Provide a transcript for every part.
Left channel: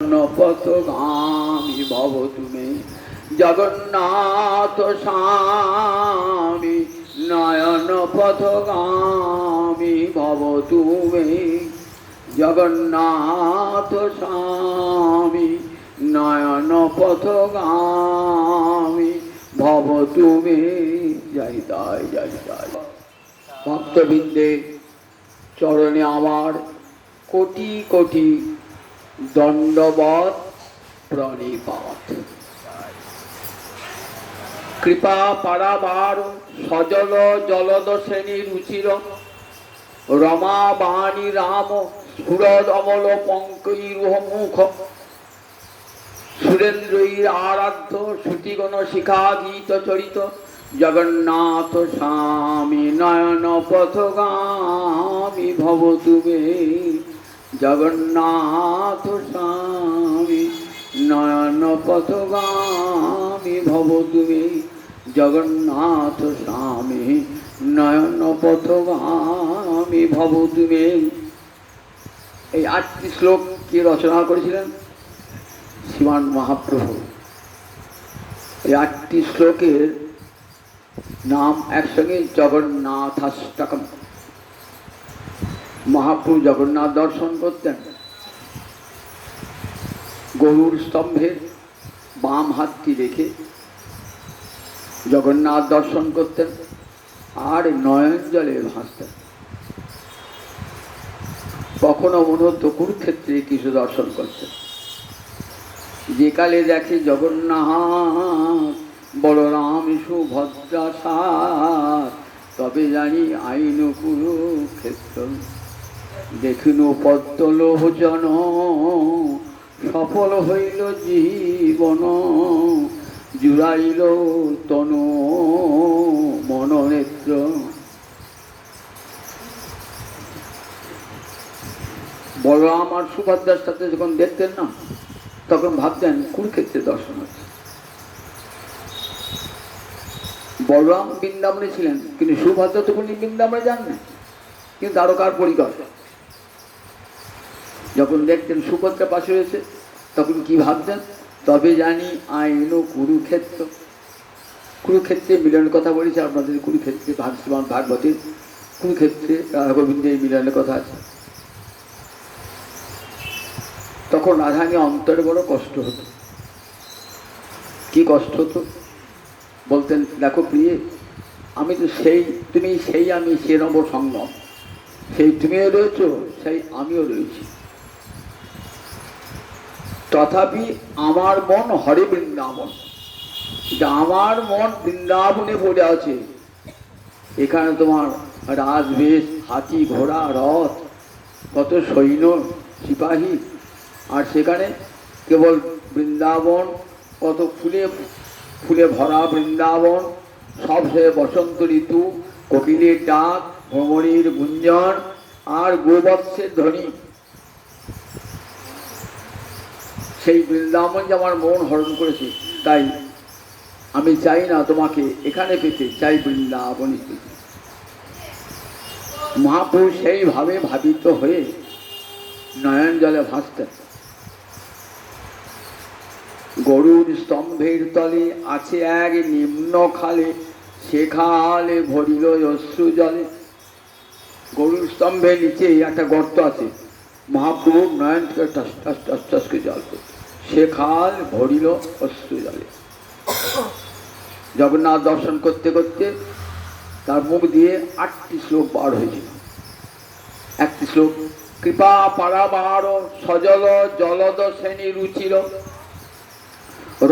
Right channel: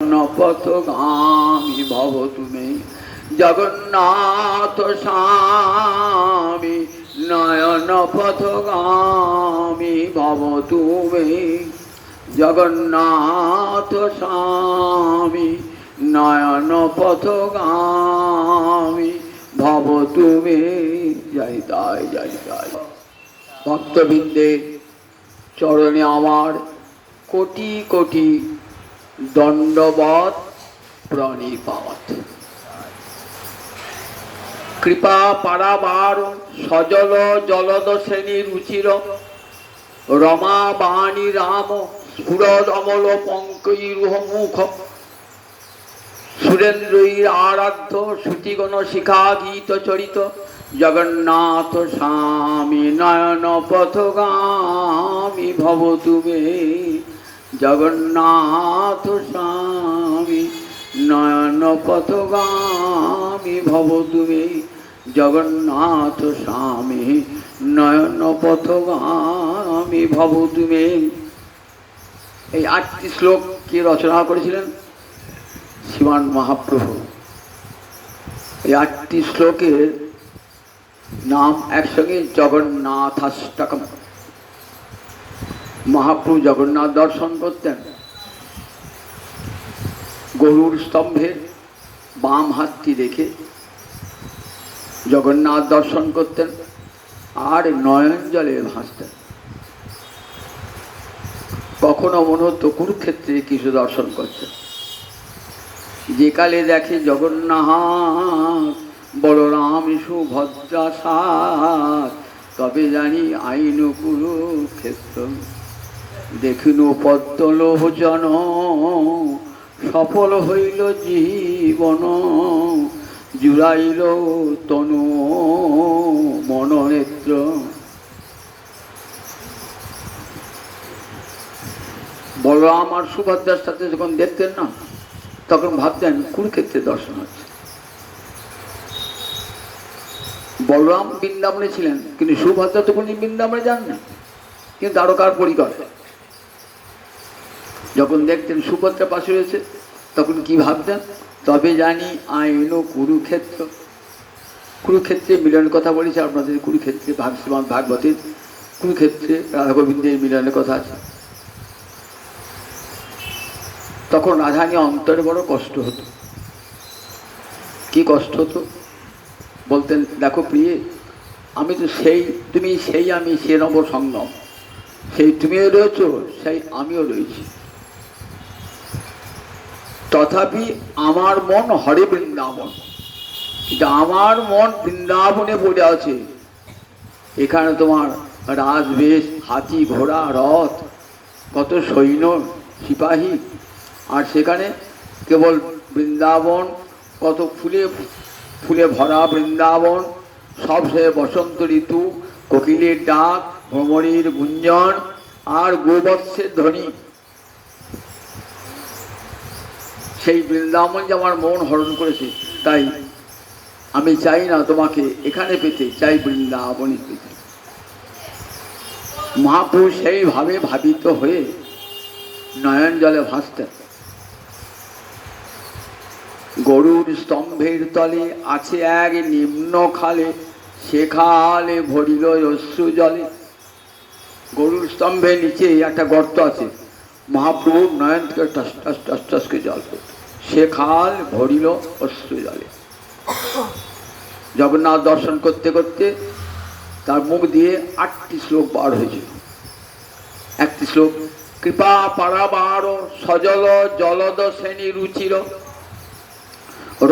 পথগামী ভব তুমি জগন্নাথ স্বামী, নয়ন পথগামী ভব তুমি জগন্নাথ স্বামী, নয়ন পথগামী ভব তুমি। জয় তাই জয় তাই। ভক্তবৃন্দের চরণে আমার কোটি কোটি দণ্ডবত প্রণিপাত। কৃপা পারাবার সজল জলদ শ্রেণী রুচির, রমা বাণী রাম স্ফুরদ অমল পঙ্কৈরুহ মুখ, সুরেন্দ্রীর আরাধ্য শ্রুতিগণ শিখা গীত চরিত, জগন্নাথ স্বামী নয়ন পথগামী ভব তুমি জগন্নাথ স্বামী, নয়ন পথগামী ভব তুমি জগন্নাথ স্বামী, নয়ন পথগামী ভব তুমি। এই ৮টি শ্লোক কে রচনা করেছিলেন? শ্রীমান মহাপ্রভু। এই ৮টি শ্লোকের নাম একসঙ্গে জগন্নাথাষ্টকম। মহাপ্রভু জগন্নাথ দর্শন করতেন, গরুর স্তম্ভের বাম হাতটি রেখে জগন্নাথ দর্শন করতেন আর নয়ন জলে ভাসতেন। কখনো মনে হতো কুরুক্ষেত্রে কিছু দর্শন করতেন। যে কালে দেখে জগন্নাথ বলরাম সুভদ্রা সাথ, তবে জানি আইন কুরুক্ষেত্র। দেখিনু পদ্মলোচন সফল হইল জীবন, জুড়াইল তনু মননেত্র। বলরাম আর সুভদ্রার সাথে যখন দেখতেন না, তখন ভাবতেন কুরুক্ষেত্রে দর্শন হচ্ছে। বলরাম বৃন্দাবনে ছিলেন, কিন্তু সুভদ্রা তখন বৃন্দাবনে যাননি, কিন্তু দ্বারকার পরিকর। যখন দেখতেন সুভদ্রা পাশে রয়েছে, তখন কি ভাবতেন? তবে জানি আইন কুরুক্ষেত্র। কুরুক্ষেত্রে মিলনের কথা বলেছে আপনাদের। কুরুক্ষেত্রে শ্রীমদ্ ভাগবতের কুরুক্ষেত্রে রাধা গোবিন্দের মিলনের কথা আছে। তখন রাধানি অন্তরে বড় কষ্ট হতো। কি কষ্ট হতো? বলতেন, দেখো প্রিয়ে, আমি তো সেই, তুমি সেই, আমি সে নব সঙ্গম। সেই তুমিও রয়েছ, সেই আমিও রয়েছি। তথাপি আমার মন হরে বৃন্দাবন। আমার মন বৃন্দাবনে পড়ে আছে। এখানে তোমার রাজবেশ, হাতি ঘোড়া রথ, কত সৈন্য সিপাহী, আর সেখানে কেবল বৃন্দাবন, কত ফুলে ফুলে ভরা বৃন্দাবন, সব সে বসন্ত ঋতু, কোকিলের ডাক, ভ্রমণীর গুঞ্জন আর গোবৎসের ধ্বনি। সেই বৃন্দাবন যে আমার মন হরণ করেছে, তাই আমি চাই না তোমাকে এখানে পেতে, চাই বৃন্দাবনে পেতে। মহাপুরুষ সেইভাবে ভাবিত হয়ে নয়ন জলে ভাসতেন। গরুর স্তম্ভের তলে আছে এক নিম্ন খালে, সে খালে ভরিল অশ্রু জলে। গরুর স্তম্ভের নিচে একটা গর্ত আছে, মহাপ্রভুর নয়ন থেকে টস টস টস টস করে জল পড়ত। সে খাল ভরিল অশ্রু জলে। জগন্নাথ দর্শন করতে করতে তার মুখ দিয়ে ৮টি শ্লোক বার হয়েছিল। একটি শ্লোক, কৃপা পারাবার সজল জলদ শ্রেণী রুচির,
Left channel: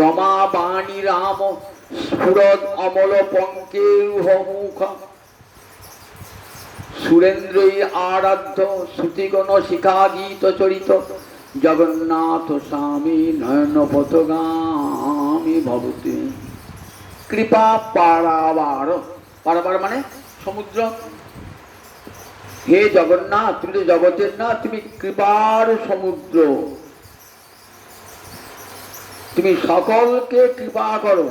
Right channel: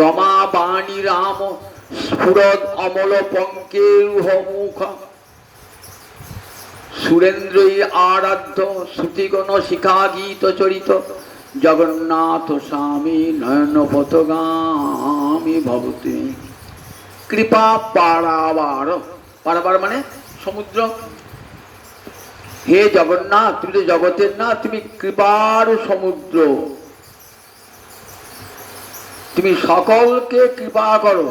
রমা বাণী রাম স্ফুরদ অমল পঙ্কেরুহ মুখ, সুরেন্দ্রীর আরাধ্য শ্রুতিগণ শিখা গীত চরিত, জগন্নাথ স্বামী নয়ন পথগামী ভব তুমি। কৃপা পারাবার, পারাবার মানে সমুদ্র। হে জগন্নাথ, তুমি তো জগতের না, তুমি কৃপার সমুদ্র। তুমি সকলকে কৃপা করো,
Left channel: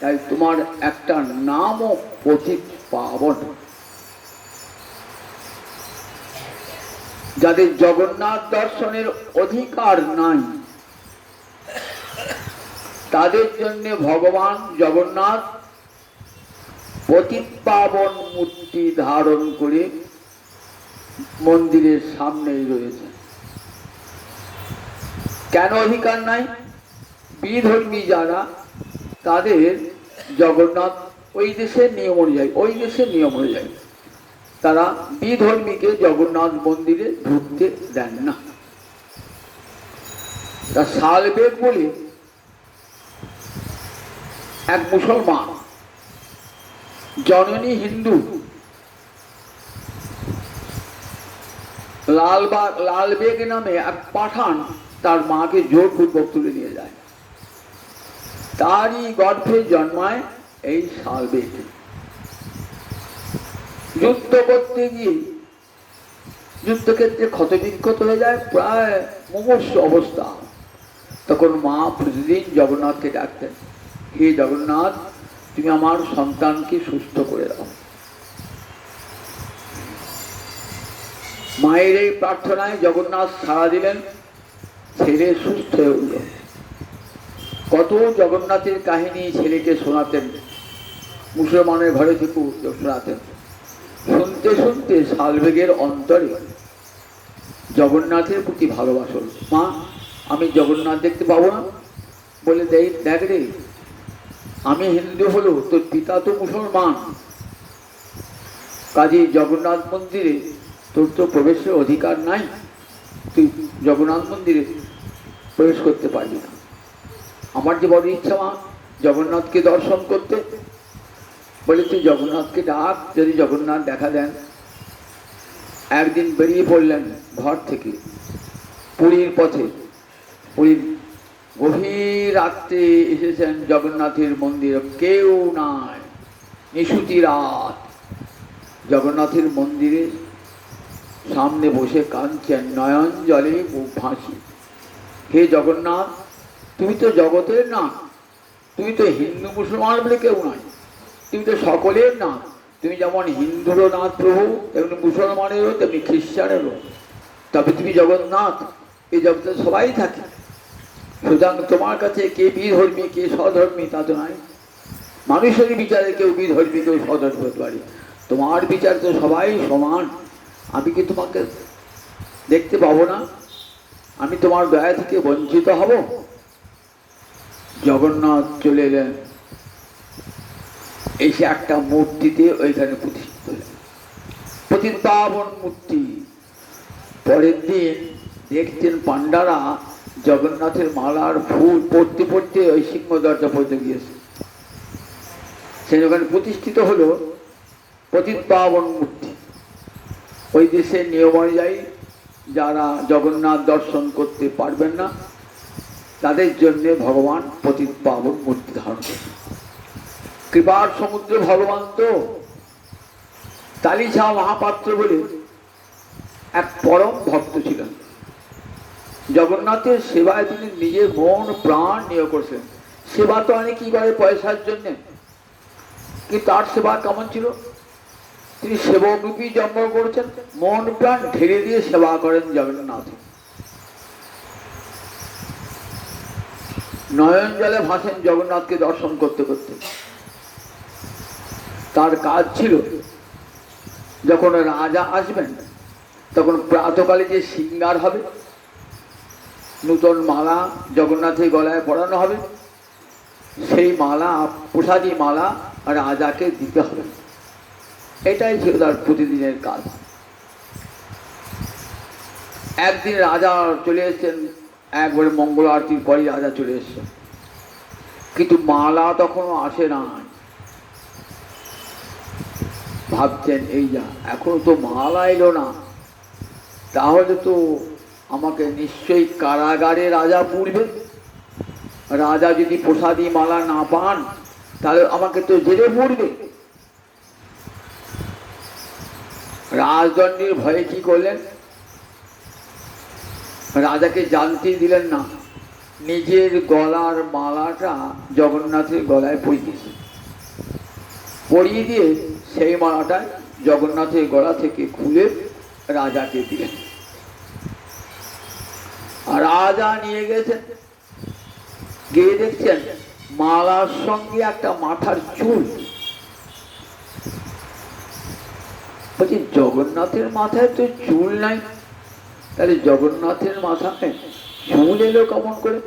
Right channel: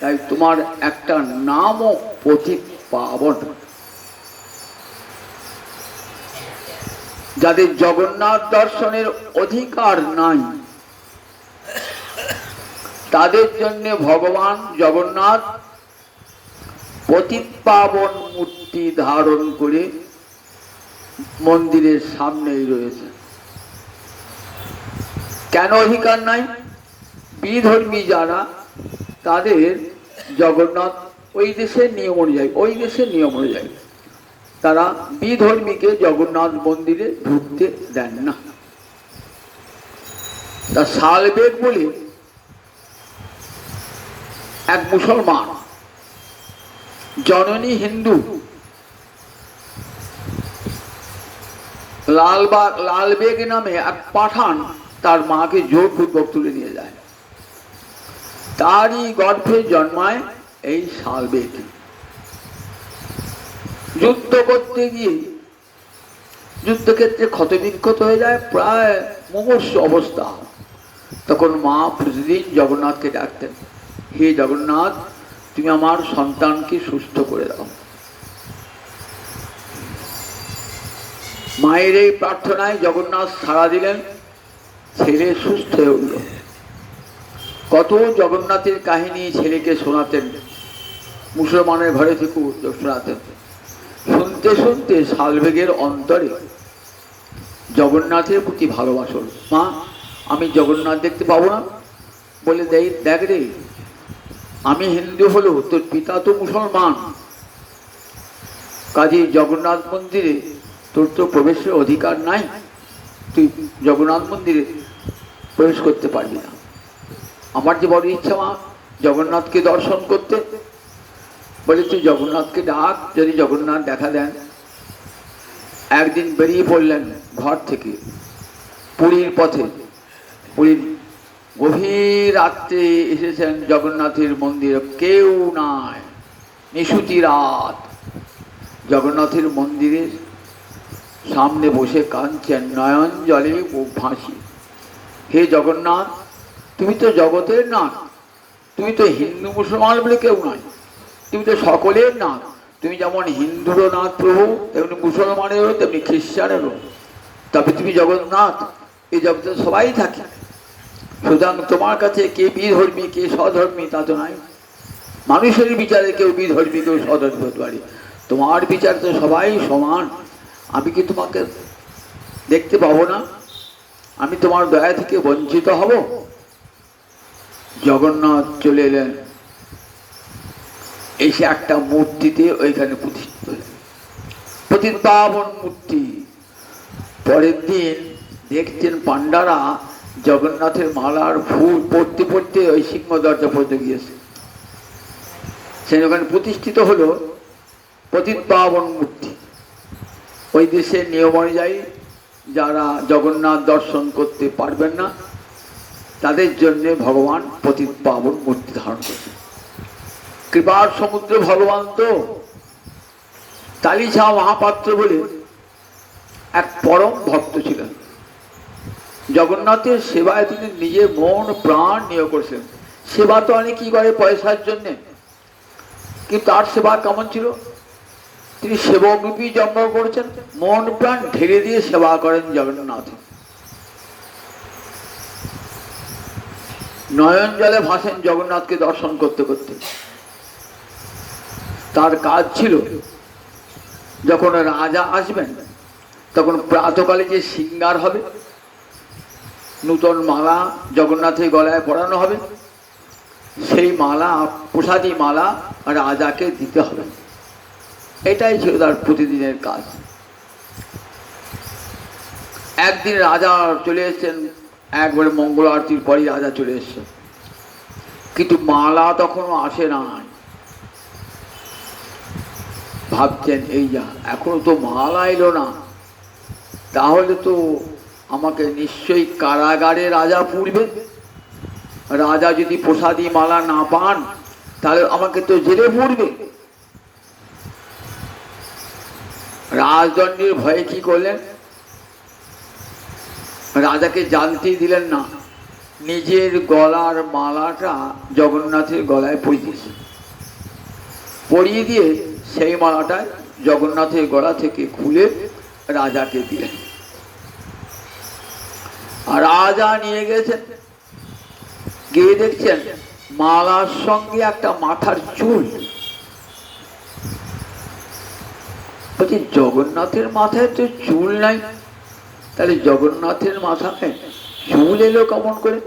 তাই তোমার একটা নামও পথিক পাবন। যাদের জগন্নাথ দর্শনের অধিকার নাই, তাদের জন্য ভগবান জগন্নাথ পতিত পাবন মূর্তি ধারণ করে মন্দিরের সামনেই রয়েছে। কেন অধিকার নাই? বিধর্মী যারা, তাদের জগন্নাথ ওই দেশের নিয়ম অনুযায়ী তারা বিধর্মীকে জগন্নাথ মন্দিরে ঢুকতে দেন না। তা শালবেগ বলে এক মুসলমান, জননী হিন্দু, লালবেগ নামে এক পাঠান তার মাকে জোরপূর্বক তুলে নিয়ে যায়। তারই গর্ভে জন্মায় এই শালবেগ। যুদ্ধ করতে গিয়ে যুদ্ধক্ষেত্রে ক্ষতবিক্ষত হয়ে যায়, প্রায় মুমূর্ষু অবস্থা। তখন মা প্রতিদিন জগন্নাথকে ডাকতেন, হে জগন্নাথ, তুমি আমার সন্তানকে সুস্থ করে দাও। মায়ের এই প্রার্থনায় জগন্নাথ সাড়া দিলেন, ছেলে সুস্থ হয়ে উঠল। কত জগন্নাথের কাহিনী ছেলেকে শোনাতেন, মুসলমানের ঘরে থেকে শোনাতেন। শুনতে শুনতে শালবেগের অন্তরে জগন্নাথের প্রতি ভালোবাসা। মা, আমি জগন্নাথ দেখতে পাবো না? বলে দেখ রে, আমি হিন্দু হলো, তোর পিতা তো মুসলমান, কাজে জগন্নাথ মন্দিরে তোর তো প্রবেশের অধিকার নাই, তুই জগন্নাথ মন্দিরে প্রবেশ করতে পারবি না। আমার যে বড় ইচ্ছা মা, জগন্নাথকে দর্শন করতে। বলে তুই জগন্নাথকে ডাক, যদি জগন্নাথ দেখা দেন। একদিন বেরিয়ে পড়লেন ঘর থেকে পুরীর পথে। পুরীর গভীর রাত্রে এসেছেন জগন্নাথের মন্দিরে, কেউ নাই, নিশুতি রাত। জগন্নাথের মন্দিরে সামনে বসে কাঁদছেন, নয়ন জলে বুক ভাসি। হে জগন্নাথ, তুমি তো জগতের নাথ, তুমি তো হিন্দু মুসলমান বলে কেউ নয়, তুমি তো সকলের নাথ। তুমি যেমন হিন্দুরও নাথ প্রভু, তেমনি মুসলমানেরও, তেমনি খ্রিস্টানেরও। তবে তুমি জগন্নাথ, এই জগতে সবাই থাকে। সুতরাং তোমার কাছে কে বিধর্মী কে স্বধর্মী তা তো নাই। মানুষের বিচারে কেউ বিধর্মী কেউ স্বধর্মী হতে পারে, তোমার বিচার তো সবাই সমান। আমি কি তোমাকে দেখতে পাবো না? আমি তোমার দয়া থেকে বঞ্চিত হব? জগন্নাথ চলে এলেন, এসে একটা মূর্তিতে ওইখানে প্রতিষ্ঠিত হলেন, পতিত পাবন মূর্তি। পরের দিন দেখছেন পান্ডারা জগন্নাথের মালার ফুল পড়তে পড়তে ওই সিংহ দরজা পড়তে গিয়েছে। সেই ওখানে প্রতিষ্ঠিত হলো পতিত পাবন মূর্তি। ওই দেশের নিয়ম অনুযায়ী যারা জগন্নাথ দর্শন করতে পারবেন না, তাদের জন্য ভগবান পতিত পাবন মূর্তি ধারণ করেন। কৃপার সমুদ্র ভগবান তো। তালিছা মহাপাত্র বলে এক পরম ভক্ত ছিলেন। জগন্নাথের সেবায় তিনি নিজে মন প্রাণ নিয়োগ করেছেন। সেবা তো অনেকেই করে পয়সার জন্যে, কিন্তু তার সেবা কেমন ছিল? তিনি সেবকরূপী জন্ম করেছেন, মন প্রাণ ঢেলে দিয়ে সেবা করেন জগন্নাথ। নয়ন জলে ভাসেন জগন্নাথকে দর্শন করতে করতে। তার কাজ ছিল, যখন রাজা আসবেন তখন প্রাতকালে যে সিঙ্গার হবে, নূতন মালা জগন্নাথের গলায় পরানো হবে, সেই মালা, প্রসাদী মালা রাজাকে দিতে হবে। এটাই ছিল তার প্রতিদিনের কাজ। একদিন রাজা চলে এসেছেন, একবারে মঙ্গল আরতির পরে রাজা চলে এসেছেন, কিন্তু মালা তখনও আসে না। ভাবছেন, এই যা, এখনো তো মালা এলো না, তাহলে তো আমাকে নিশ্চয়ই কারাগারে রাজা পুরবে। রাজা যদি প্রসাদী মালা না পান তাহলে আমাকে তো জেলে পুরবে। রাজদণ্ডের ভয়ে কি করলেন? রাজাকে জানতে দিলেন না, নিজের গলার মালাটা জগন্নাথের গলায় পরিয়েছে, পরিয়ে দিয়ে সেই মালাটা জগন্নাথের গলা থেকে খুলে রাজাকে দিলেন। রাজা নিয়ে গেছেন, গিয়ে দেখছেন মালার সঙ্গে একটা মাথার চুল। বলছি জগন্নাথের মাথায় তো চুল নাই, তাহলে জগন্নাথের মাথায় চুল এলো কেমন করে?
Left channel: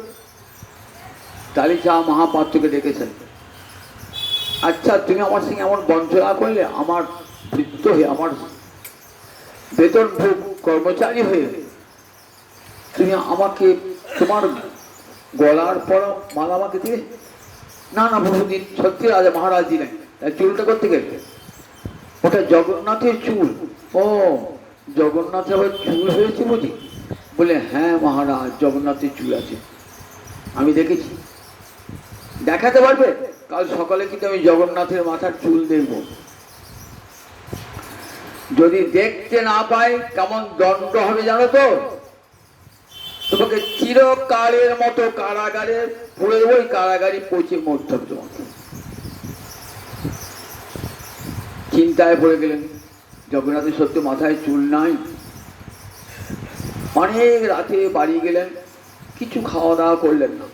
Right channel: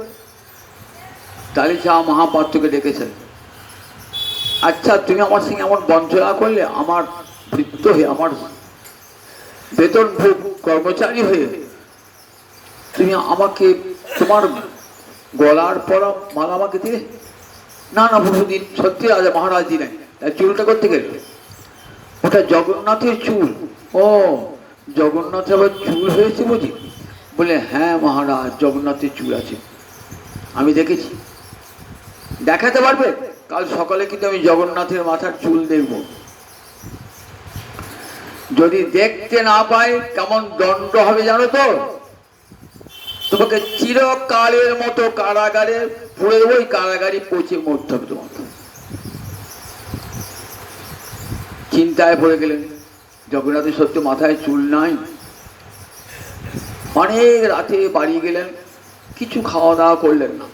তাহলে যা মহাপাত্রকে ডেকেছেন, আচ্ছা তুমি আমার সঙ্গে এমন বঞ্চনা করলে, আমার ভৃত্য হয়ে, আমার বেতন ভোগ কর্মচারী হয়ে তুমি আমাকে তোমার গলার পরা মালা আমাকে দিয়ে? না না বহুদিন, সত্যি রাজা মহারাজ দিলেন। তাই চুলটা করতে গেলে ওটা জগন্নাথের চুল। ও জগন্নাথের আবার চুল হয়েছে বুঝি? বলে হ্যাঁ মহারাজ, জগন্নাথের চুল আছে, আমি দেখেছি। দেখাতে পারবে? কাল সকালে কিন্তু আমি জগন্নাথের মাথার চুল দেখব। যদি দেখতে না পাই কেমন দণ্ড হবে জানো তো? তোমাকে চিরকালের মতো কারাগারে পুড়ে দেবো, ওই কারাগারে পচে মরতে হবে তোমাকে। চিন্তায় পড়ে গেলেন, জগন্নাথের সত্য মাথায় চুল নাই। অনেক রাতে বাড়ি গেলেন, কিছু খাওয়া দাওয়া করলেন না,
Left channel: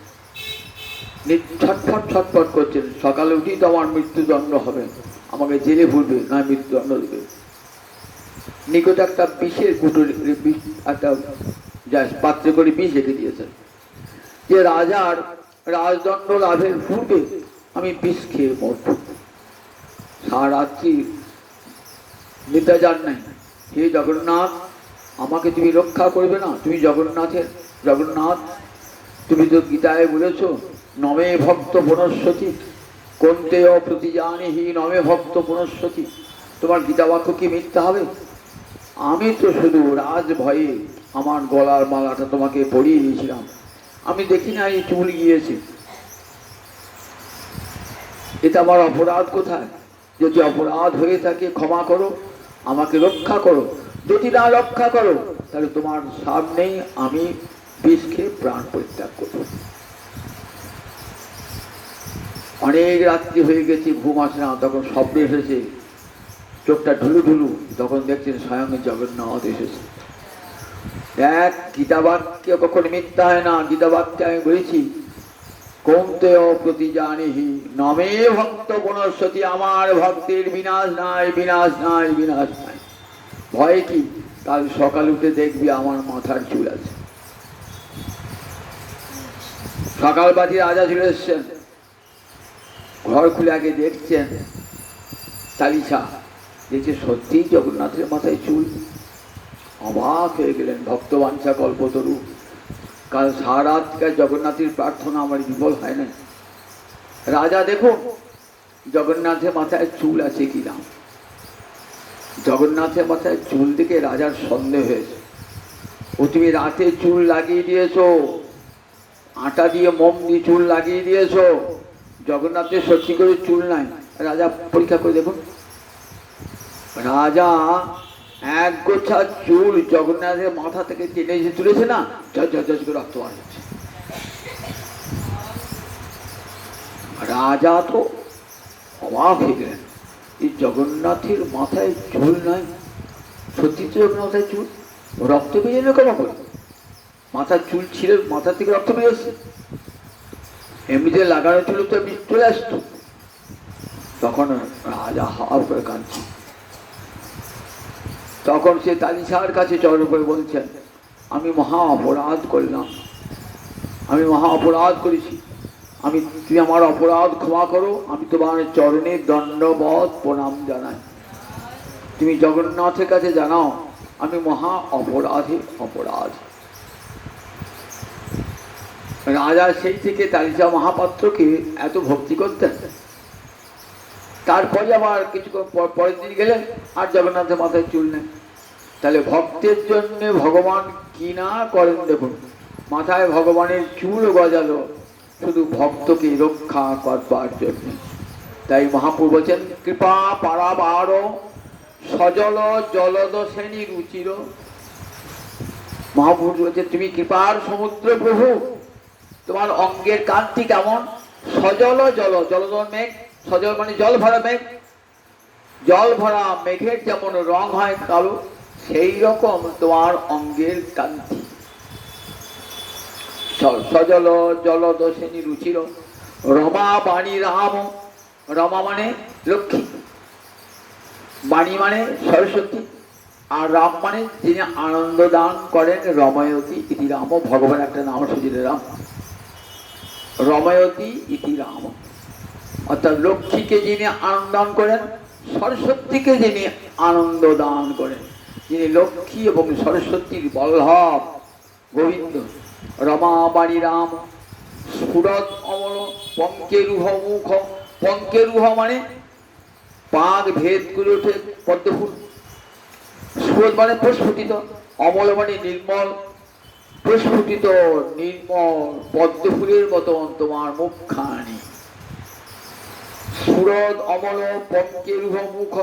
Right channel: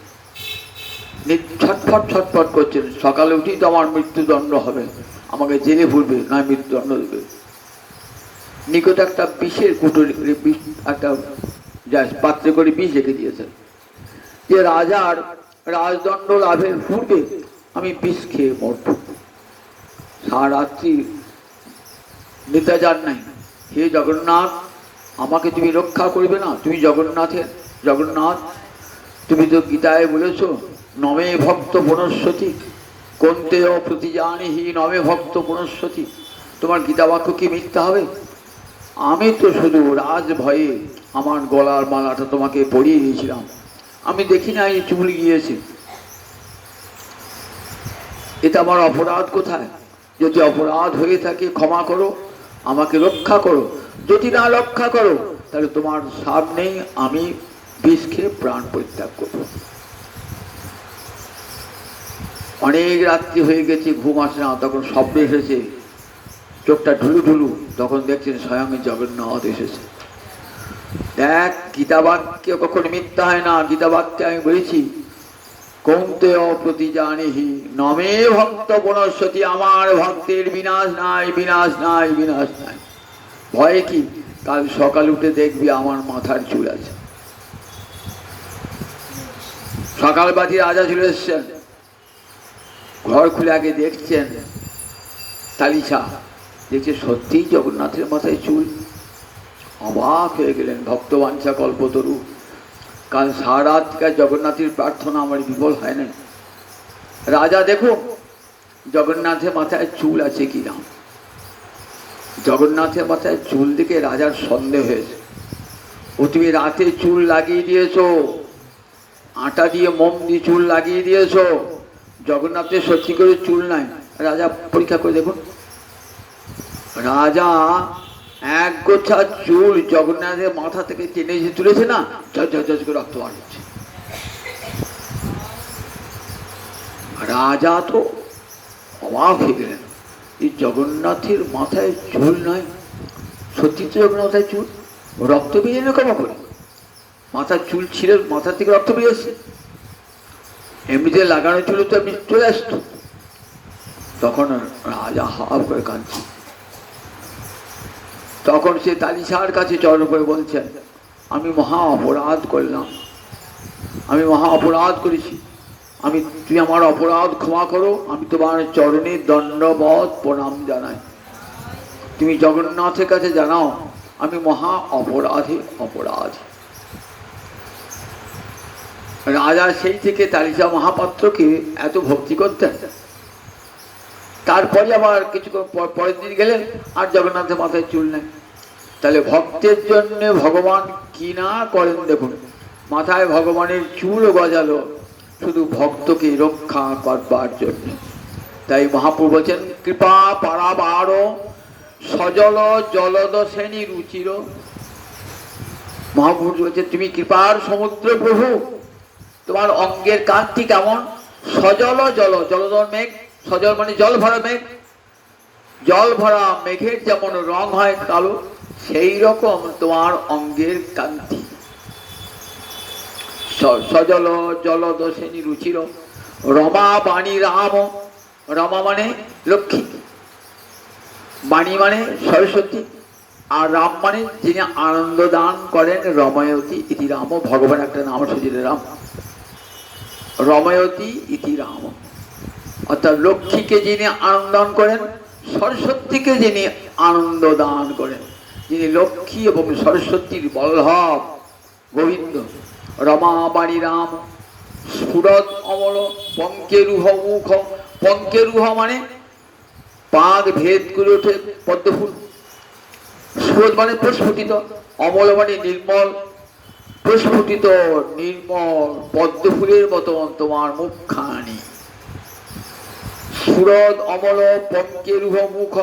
ছটফট ছটফট করছেন। সকালে উঠেই তো আমার মৃত্যুদণ্ড হবে, আমাকে জেলে ভুলবে, না মৃত্যুদণ্ড দেবে। নিকটে একটা বিষের কুটুরি, একটা পাত্রে করে বিষ রেখে দিয়েছেন, যে রাজার রাজদণ্ড লাভের পূর্বে আমি বিষ খেয়ে মরব। সারা রাত্রি নিতে যান নাই। হে জগন্নাথ, আমাকে তুমি রক্ষা করবে না? তুমি জগন্নাথ, তুমি তো গীতায় বলেছ নমে ভক্ত পুনঃসতি কোনতে প্রতিজানিহি নমে ভক্ত পুনঃসতি। তোমার গীতা বাক্য কি মিথ্যা হবে? আমি তো শুধু রাজ ভয়ে আমার গলার মালাটা তোমাকে পরিয়ে দিয়েছিলাম, আমি দেখি না এই চুল গিয়েছে। এটা আমার অপরাধ কোথায়? যদি অপরাধ হয়ে থাকে ক্ষমা করো, আমাকে রক্ষা করো। যদি না রক্ষা করো তাহলে তোমার সামনেই আমি বিষ খেয়ে প্রাণ পরিত্যাগ করবো। অনেক রাত্রি হয়ে গেছে, ঘুম আসে না, তখন স্বপ্ন এসেছে, চোখটা ঢুলু ঢুলু, তখন দেখছেন স্বয়ং জগন্নাথ এসেছে। দেখ, গীতা বাক্য কখনো মিথ্যা হয় না। গীতা বাক্যে আমি বলেছি কৌন্তেয় প্রতিজানিহি নমে ভক্ত পুনঃসতি, আমার ভক্তের বিনাশ নাই, বিনাশ নাই, বিনাশ নাই। ভয় কি? কাল সকাল উঠে দেখবি আমার মাথার চুল আছে। সকালবাদী রাজা চলে এসছেন, ঘর খুলে আগে দেখছেন তালিশা, দেখছে সত্যিই জগন্নাথের মাথায় চুল। অবাক হয়ে গেলেন। ভক্তবাঞ্ছা কল্পতরু, কাল সারা রাত জগন্নাথের প্রার্থনা আমার বিফল হয় না। রাজা দেখো জগন্নাথের মাথায় চুল আছে কিনা। জগন্নাথের মাথায় চুল দেখে রাজার সন্দেহ হয়েছে। ও তুমি রাতে চুল লাগিয়ে দিয়েছো, আটা দিয়ে মোম দিয়ে চুল লাগিয়ে দিয়েছো, জগন্নাথের সত্যি করে চুল নাই। রাজা পরীক্ষা করে দেখুন, রাজা এক গোছা চুল জগন্নাথের মাথা থেকে টেনে যে তুলেছে না, ঝরঝর করে রক্ত বার হচ্ছে। রাজা তো অবাক হয়ে গেলেন, এই জগন্নাথের মাথায় চুল নাই, সত্যি তো জগন্নাথের চুল, রক্ত বেরিয়ে না কেমন করে? মাথার চুল ছিল, মাথা থেকে রক্ত বেরিয়েছে, এমনিতে লাগানো চুল তো এমনি চলে আসতো। তখন রাজা হাফ করে কাঁদছে। তখন সে তালিশার কাছে চরণ করে বলছেন, আমি মহা অপরাধ করলাম, আমি মহা অপরাধ করেছি, তুমি আমার অপরাধ ক্ষমা করো, আমি তোমার চরণে দণ্ডবৎ প্রণাম জানাই। তুমি জগন্নাথের কাছে জানাও আমি মহা অপরাধী। রাজা সেই থেকে তালিশা মহাপাত্রকে এত ভক্তি করতেন। তারপরে আবার কিছুক্ষণ পরের দিন গেলেন, আর জগন্নাথের মাথায় চুল নেই। তাহলে ভক্তের জন্য ভগবান কি না করেন দেখুন। মাথায় ভগবানের চুল গজালো শুধু ভক্তকে রক্ষা করবার জন্য। তাই মহাপ্রভু বলছেন কৃপা পারাবার সজল জলদ শ্রেণী রুচির। মহাপ্রভু বলছেন তুমি কৃপার সমুদ্র প্রভু, তোমার অঙ্গের কান্তি কেমন? সজল জল, জলধর মেঘ, সজল মানে জল ভরা মেঘ, জল ভরা মেঘের যেমন রং হয় কালো, সেই রকম তোমার অঙ্গের কান্তি। সজল জলদোষিনী রুচির রমা বাণী রাম। রমা মানে লক্ষ্মী, বাণী মানে সরস্বতী, আর রাম মানে যিনি আনন্দ দান করেন। রময়তী ইতি রাম, ভগবান একটা নাম সুজিরে রাম। রময়তী ইতি রাম অর্থাৎ লক্ষ্মীকে যিনি আনন্দ দান করেন, সরস্বতীকে যিনি আনন্দ দান করেন, যিনি লক্ষ্মী এবং সরস্বতীর বল্লভ গোবিন্দ। রমা বাণী রাম স্ফুরত অমল পঙ্কেরুহ মুখ। পঙ্কেরুহ মানে পাক ভেদ করে ওঠে পদ্মফুল। স্ফুরত মানে প্রস্ফুটিত, অমল মানে নির্মল। প্রস্ফুটিত নির্মল পদ্মফুলের মতন তোমার মুখখানি। সুরদ অমল পঙ্কেরুহ মুখ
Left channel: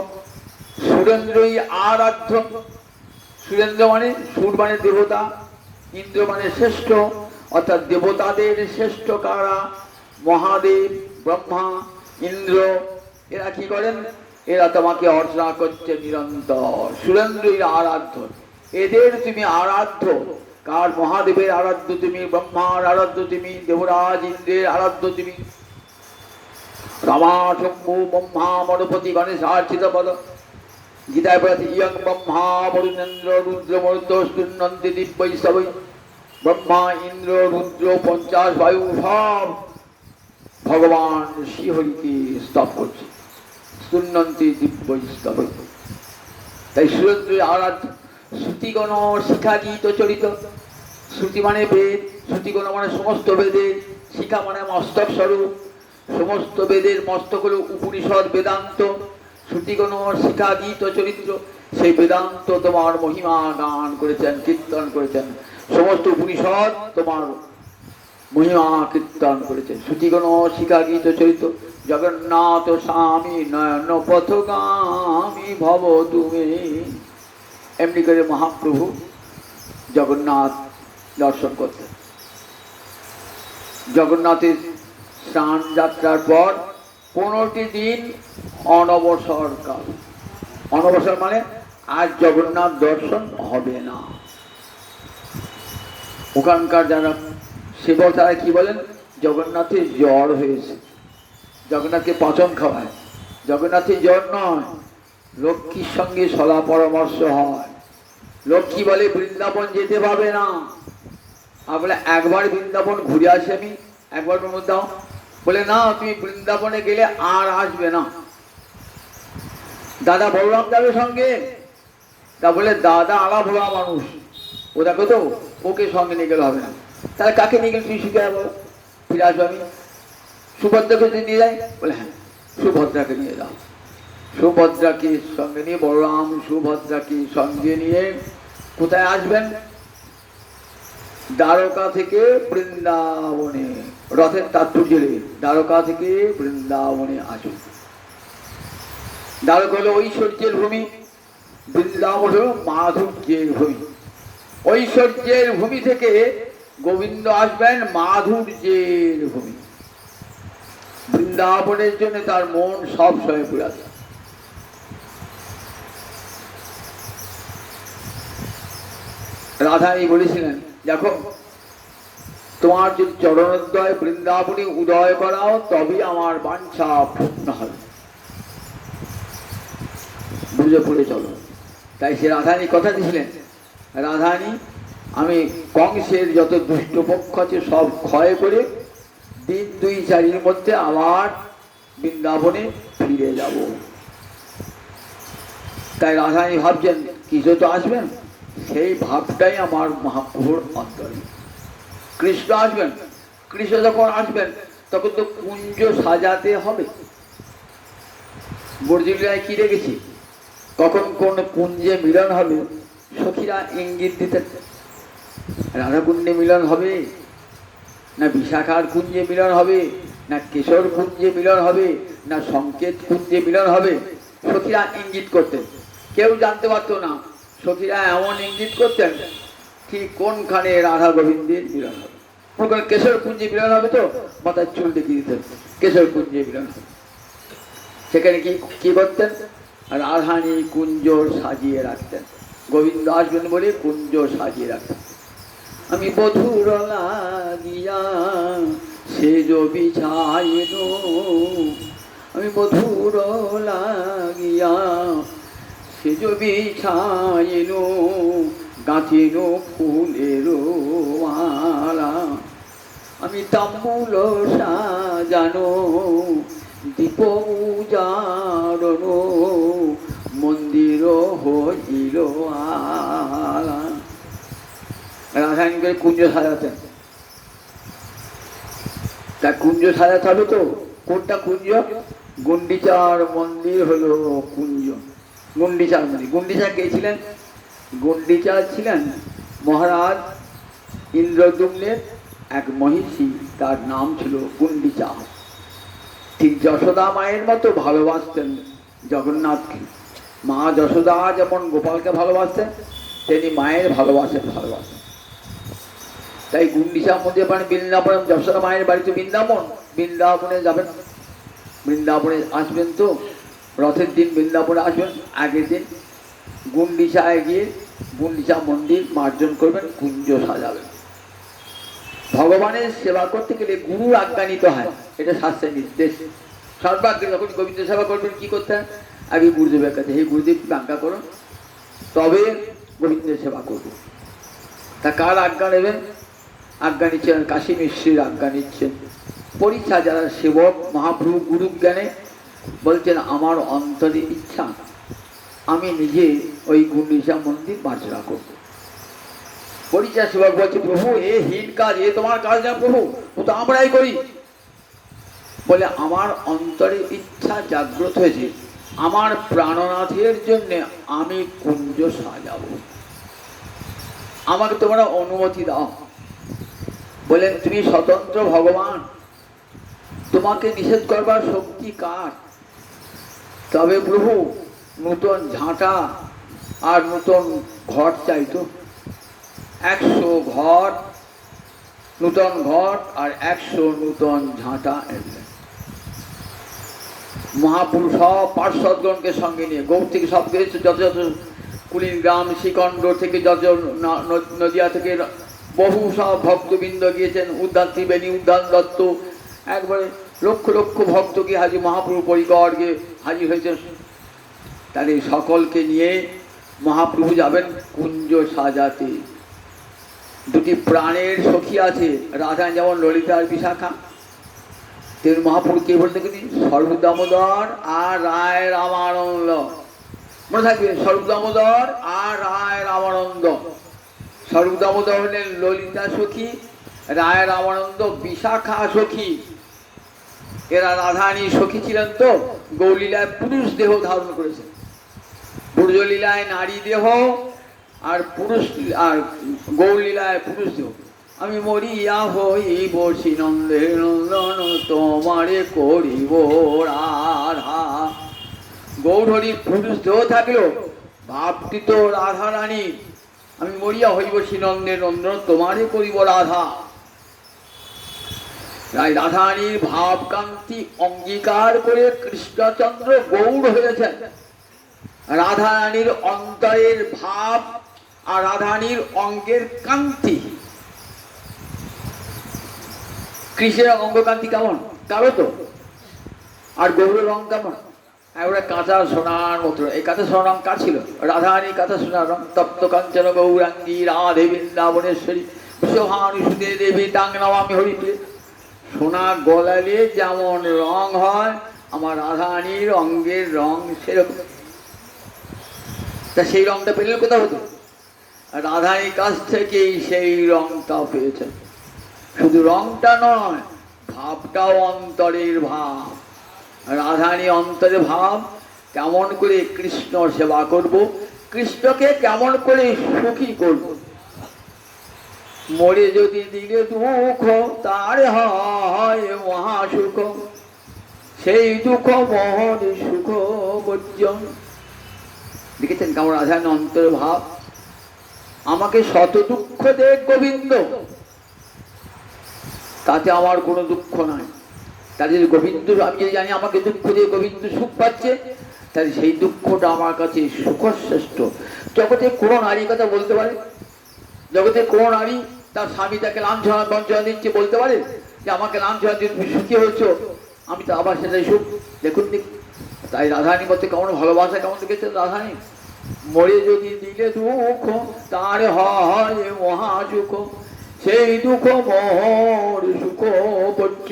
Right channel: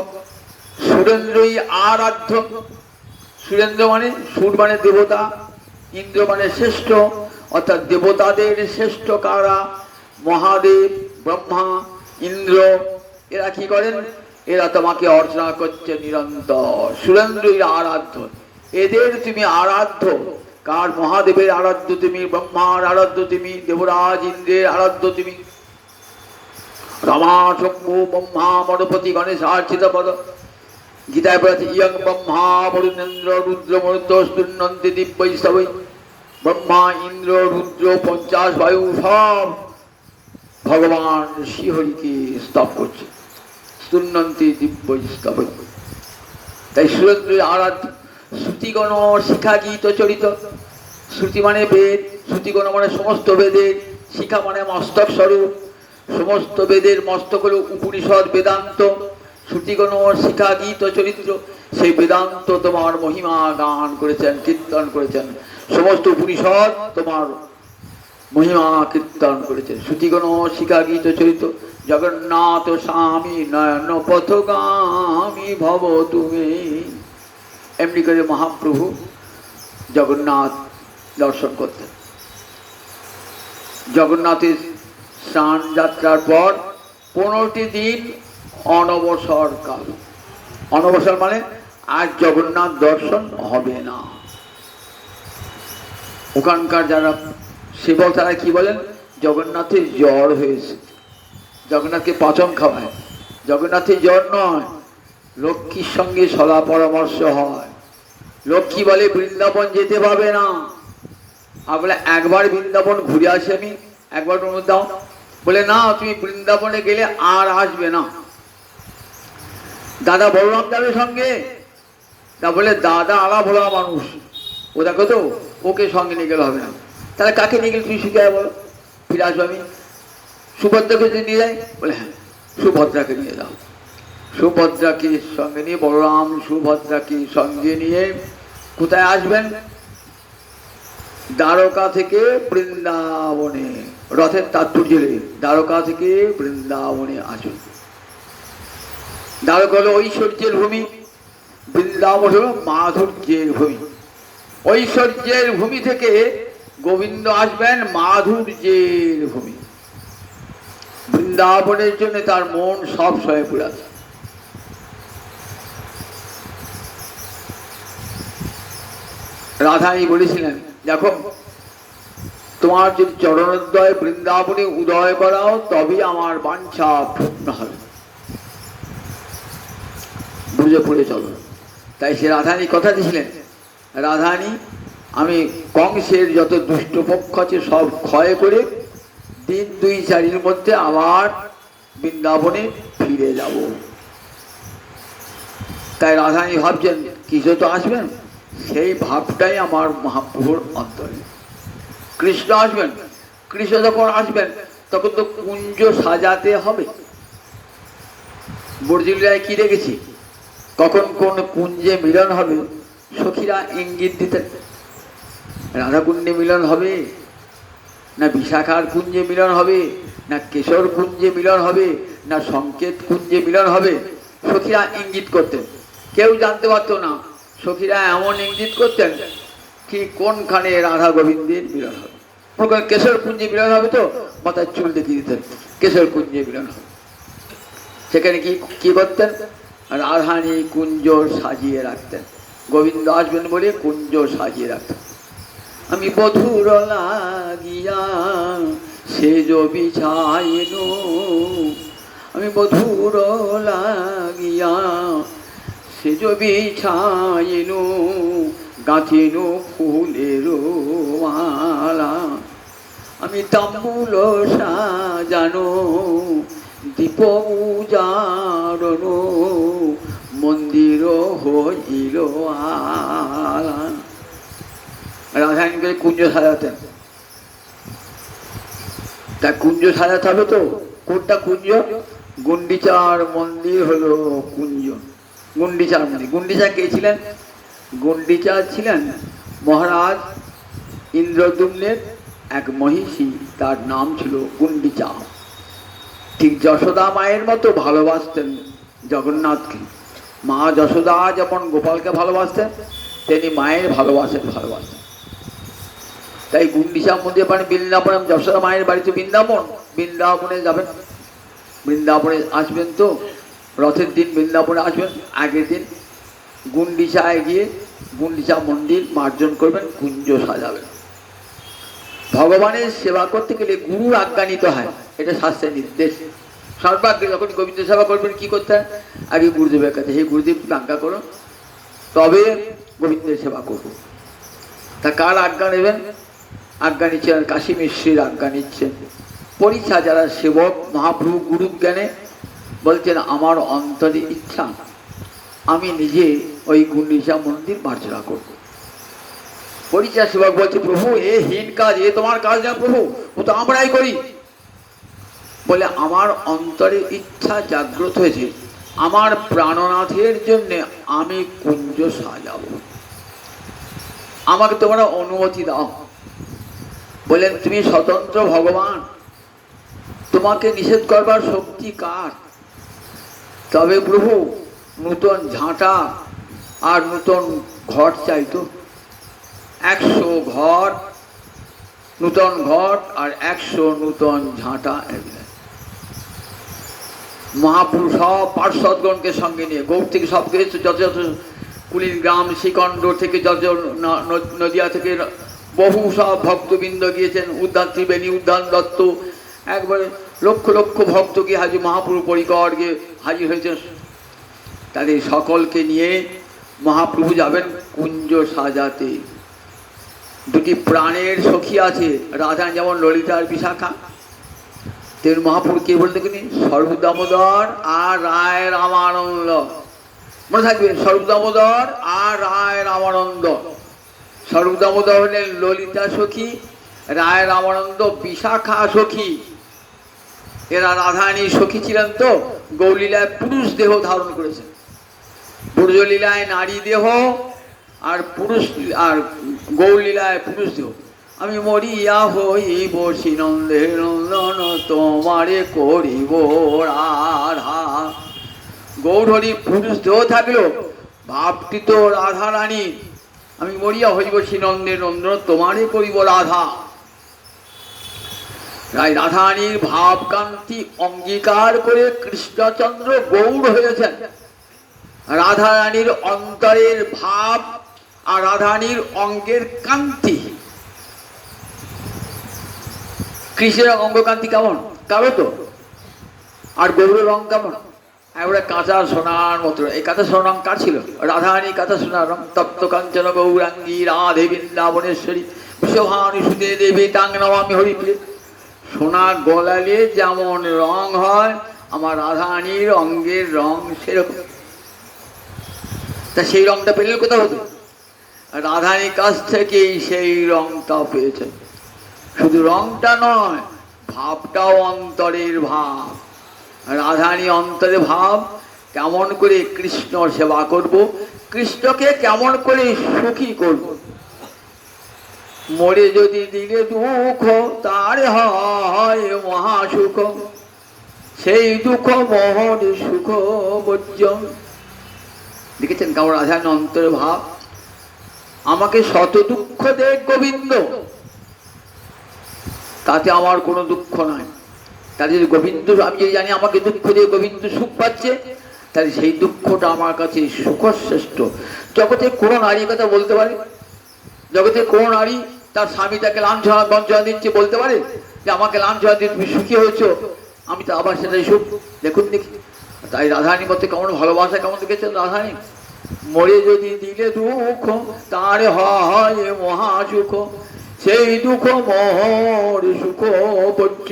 সুরেন্দ্রই আরাধ্য। সুরেন্দ্র মানে সুর মানে দেবতা, ইন্দ্র মানে শ্রেষ্ঠ, অর্থাৎ দেবতাদের শ্রেষ্ঠ কারা? মহাদেব, ব্রহ্মা, ইন্দ্র। এরা কি করেন? এরা তোমাকে অর্চনা করছে নিরন্তর। সুরেন্দ্রই আরাধ্য, এদের তুমি আরাধ্য। কার? মহাদেবের আরাধ্য তুমি, ব্রহ্মার আরাধ্য তুমি, দেবরাজ ইন্দ্রের আরাধ্য তুমি। রমা শম্ভু ব্রহ্মা মরুপতি গণেশার্চিত পদ। গীতায় বলেছে ইয়ং ব্রহ্মা বরুণেন্দ্র রুদ্র মরুদ্র স্তুন্নন্তি দিব্যৈ স্তবৈ। ব্রহ্মা ইন্দ্র রুদ্র 50 বায়ু সব ভগবান শ্রীহরিকে স্তব করছে, স্তুন্নন্তি দিব্যৈ স্তবৈ। তাই সুরেন্দ্রের আরাধ্য। শ্রুতিগণ শিখা গীত চরিত। শ্রুতি মানে বেদ, শ্রুতিগণ মানে সমস্ত বেদের, শিখা মানে মস্তক স্বরূপ। সমস্ত বেদের মস্তক হল উপনিষদ বেদান্ত। শ্রুতিগণ শিখা গীত চরিত্র, সেই বেদান্ত তোমার মহিমা গান করেছেন, কীর্তন করেছেন। সমস্ত উপনিষদ তোমার মহিমা কীর্তন করেছেন। শ্রুতিগণ শিখা গীত চরিত্র। জগন্নাথ স্বামী নয়ন পথগামী ভব তুমি। এমনি করে মহাপ্রভু জগন্নাথ দর্শন করতেন। জগন্নাথের স্নান যাত্রার পর 15টি দিন অনবসর কাল। অনবসর মানে আজ জগন্নাথ দর্শন হবে না। ওখানকার যারা সেবক তারা কি বলেন? জগন্নাথের জ্বর হয়েছে, জগন্নাথকে পাচন খাওয়ায়। জগন্নাথের জ্বর নয়, লক্ষ্মীর সঙ্গে সলা পরামর্শ হয়। লক্ষ্মী বলে বৃন্দাবন যেতে পারবে না। আর বলে একবার বৃন্দাবন ঘুরে আসি আমি, একবার অনুমতি দাও। বলে না, তুমি বৃন্দাবনে গেলে আর আসবে না। দাদা বলরাম যাবে সঙ্গে। তা বলে দাদা আলা ভোলা মানুষ, ও দেখো তো, ওকে সঙ্গে নিয়ে গেলে হবে না। তাহলে কাকে নিয়ে গেলে তুমি শিখে যাবো, ফিরে আসবো আমি? সুভদ্রাকে যদি নিয়ে যাই? বলে হ্যাঁ, সুভদ্রাকে নিয়ে যাও। সুভদ্রাকে সঙ্গে নিয়ে বলরাম সুভদ্রাকে সঙ্গে নিয়ে কোথায় আসবেন? দ্বারকা থেকে বৃন্দাবনে। রথের তাৎপর্য দ্বারকা থেকে বৃন্দাবনে আসুন। দ্বারকা হলো ঐশ্বর্যের ভূমি, বৃন্দাবন হলো মাধুর্যের ভূমি। ঐশ্বর্যের ভূমি থেকে গোবিন্দ আসবেন মাধুর্যের ভূমি। বৃন্দাবনের জন্য তার মন সব সয়ে পড়ে আছে। রাধারানী বলেছিলেন, দেখো তোমার যদি চরণোদয় বৃন্দাবনে উদয় করাও তবে আমার বাঞ্ছা পূর্ণ হবে। বুঝে পড়ে চলো। তাই সে রাধারানী কথা দিয়েছিলেন, রাধারানী আমি কংসের যত দুষ্ট পক্ষ আছে সব ক্ষয় করে দিন 2-4 মধ্যে আবার বৃন্দাবনে ফিরে যাব। তাই রাধারানী ভাবছেন কৃষ্ণ তো আসবেন, সেই ভাবটাই আমার মহাপ্রভুর অন্তরে। কৃষ্ণ আসবেন, কৃষ্ণ যখন আসবেন তখন তো কুঞ্জ সাজাতে হবে। বর্জিলায় কি রেখেছি, কখন কোন কুঞ্জে মিলন হবে সখীরা ইঙ্গিত দিতেন। রাধাকুণ্ডে মিলন হবে, না বিশাখার কুঞ্জে মিলন হবে, না কেশর কুঞ্জে মিলন হবে, না সংকেত কুঞ্জে মিলন হবে, সখীরা ইঙ্গিত করতেন। কেউ জানতে পারত না। সখীরা এমন ইঙ্গিত করতেন ঠিক কোনখানে রাধা গোবিন্দের মিলন হবে। ওখানে কেশর কুঞ্জে মিলন হবে তো মাথায় চুল দেখিয়ে দিতেন কেশর কুঞ্জে মিলন হবে। সেখানে কি কি করতেন? রাধারানী কুঞ্জ সাজিয়ে রাখতেন। গোবিন্দ আসবেন বলে কুঞ্জ সাজিয়ে রাখতেন। আমি বধুর লাগিয়া সেজ বিছাইন, আমি বধুর লাগিয়া সেজ বিছাইন, গাঁথিন ফুলের মালা, আমি তাম্বুল সাজানো দীপ উজারণ, মন্দির হইল আলা। রাধারানীকে কুঞ্জ সাজাতেন। তা কুঞ্জ সাজাতে হবে তো, কোনটা কুঞ্জ? গুন্ডিচার মন্দির হলো কুঞ্জ। গুন্ডিচার মন্দির। গুন্ডিচা কে ছিলেন? গুন্ডিচা ছিলেন মহারাজ ইন্দ্রদ্যুম্নের এক মহিষী, তার নাম ছিল গুন্ডিচা। ঠিক যশোদা মায়ের মতো ভালোবাসতেন জগন্নাথকে। মা যশোদা যেমন গোপালকে ভালোবাসতেন, তিনি মায়ের ভালোবাসেন। তাই গুন্ডিচা মন্দির মানে বৃন্দাবন, যশোদা মায়ের বাড়ি তো বৃন্দাবন। বৃন্দাবনে যাবেন, বৃন্দাবনে আসবেন তো রথের দিন বৃন্দাবনে আসবেন, আগের দিন গুন্ডিচায় গিয়ে গুন্ডিচা মন্দির মার্জন করবেন, কুঞ্জ সাজাবেন। ভগবানের সেবা করতে গেলে গুরুর আজ্ঞা নিতে হয়, এটা শাস্ত্রের নির্দেশ। সর্বাগ্রে যখন গোবিন্দ সেবা করবেন কি করতে হয়? আগে গুরুদেবের কাছে, হে গুরুদেব আজ্ঞা করো, তবে গোবিন্দের সেবা করবো। তা কার আজ্ঞা নেবেন? আজ্ঞা নিচ্ছেন কাশী মিশ্রের আজ্ঞা নিচ্ছেন। পরীক্ষা যারা সেবক মহাপ্রভু গুরু জ্ঞানে বলছেন আমার অন্তরে ইচ্ছা আমি নিজে ওই গুন্ডিচা মন্দির মার্জনা করব। পরীক্ষা সেবক বলছে প্রভু এ হীন কাজ, এ তোমার কাজ না প্রভু, ও তো আমরাই করি। বলে আমার অন্তরে ইচ্ছা জাগ্রত হয়েছে, আমার প্রাণনাথের জন্য আমি কুঞ্জ সাজাবো, আমাকে তোমরা অনুমতি দাও। বলেন তুমি স্বতন্ত্র ভগবান, তোমাকে নিষেধ করবার শক্তি কার? তবে প্রভু নূতন ঝাঁটা আর নূতন ঘট চাইতো, 100 ঘট নূতন ঘট আর 100 নূতন ঝাঁটা। মহাপুরুষ সব পার্শ্বদগণকে সঙ্গে নিয়ে গৌড় থেকে সব গেছে, যত যত কুলিন গ্রাম শ্রীকণ্ড থেকে যত নদিয়া থেকে বহু সব ভক্তবৃন্দ গিয়েছেন, উদ্ধার ত্রিবেণী, উদ্ধার দত্ত, একবারে লক্ষ লক্ষ ভক্তকে হাজির মহাপ্রভু পরিকর গিয়ে হাজির হয়েছেন। তাদের সকলকে নিয়ে মহাপ্রভু যাবেন কুঞ্জ সাজাতে। দুটি প্রাণের সখী আছে, রাধা যেমন ললিতার বিশাখা, তেমন মহাপ্রভু কে বলতে গেলেন সর্বদামোদর আর রায় রামানন্দ। মনে থাকবে সর্বদামোদর আর রায় রামানন্দ। সর্বদামোদর হলেন ললিতা সখী, রায় রামানন্দ বিশাখা সখী। এরা রাধারানীর সখী ছিলেন তো গৌরলীলায় পুরুষ দেহ ধারণ করেছেন, ব্রজলীলায় নারী দেহ আর পুরুষ, আর গৌরলীলায় পুরুষ দেহ। আমি মরিয়া হইব শ্রীনন্দের নন্দন তোমারে করিব রাধা। গৌরহরি পুরুষ দেহ থাকলো, ভাবটি তো রাধা রানী, আমি মরিয়া হইব শ্রীনন্দের নন্দন তোমারে করিব রাধা। রাধারানীর ভাবকান্তি অঙ্গীকার করে কৃষ্ণচন্দ্র গৌর হয়েছেন। রাধারানীর অন্তরের ভাব আর রাধারানীর অঙ্গের কান্তি, কৃষ্ণের অঙ্গকান্তি কেমন কারো তো, আর গৌরের রং কেমন? ওরা কাঁচা সোনার মতো। এই কাঁচা সোনার রং কার ছিল? রাধারানী কাঁচা সোনার রং। তপ্ত কাঞ্চন গৌরাঙ্গী রাধে বৃন্দাবনেশ্বরী বিশ্বভানু সুদে দেবী তাং নমামি হরিপ্রিয়ে। সোনা গলালে যেমন রং হয়, আমার রাধারানীর অঙ্গের রং সেরকম। তা সেই রংটা পেলেন কোথাও হতো? রাধারানীর কাছ থেকেই সেই রংটা পেয়েছেন। শুধু রংটা নয়, ভাবটাও অন্তরের ভাব। রাধারানী অন্তরে ভাব, কেমন করে কৃষ্ণ সেবা করব, কৃষ্ণকে কেমন করে সুখী করব। মরে যদি দিলে দুঃখ তার হয় মহাসুখ, সেই দুঃখ মোহন সুখ বর্জন। দেখেছেন কেমন রাধারানী অন্তরে ভাব? আমাকে শত দুঃখ দেখ গোবিন্দ, তাতে আমার কোনো দুঃখ নাই। তাদের গোবিন্দ, আমি যদি জানি আমাকে দুঃখ দিয়ে গোবিন্দ সুখ পাচ্ছে, তাহলে সেই দুঃখটা আমার কাছে সুখশ্রেষ্ঠ। জগতে কোনো নারীর কথা বলতে পারে? জগতে কোনো নারী তার স্বামী তাকে লাঞ্ছনা বঞ্চনা দিচ্ছে, বলতে পারে যে আমাকে লাঞ্ছনা দিয়ে তুমি সুখী হয়েছো, আমি তো আবার সেটাই সুখ। দেখুন দেখি, তাই রাধারানীর মধ্যে কেমন ভালোবাসা, কেমন দেখেছেন রাধারানী। মরে যদি দিলে দুঃখ তার হয় মহাসুখ, সেই দুঃখ মোর সুখ বর্জ্য।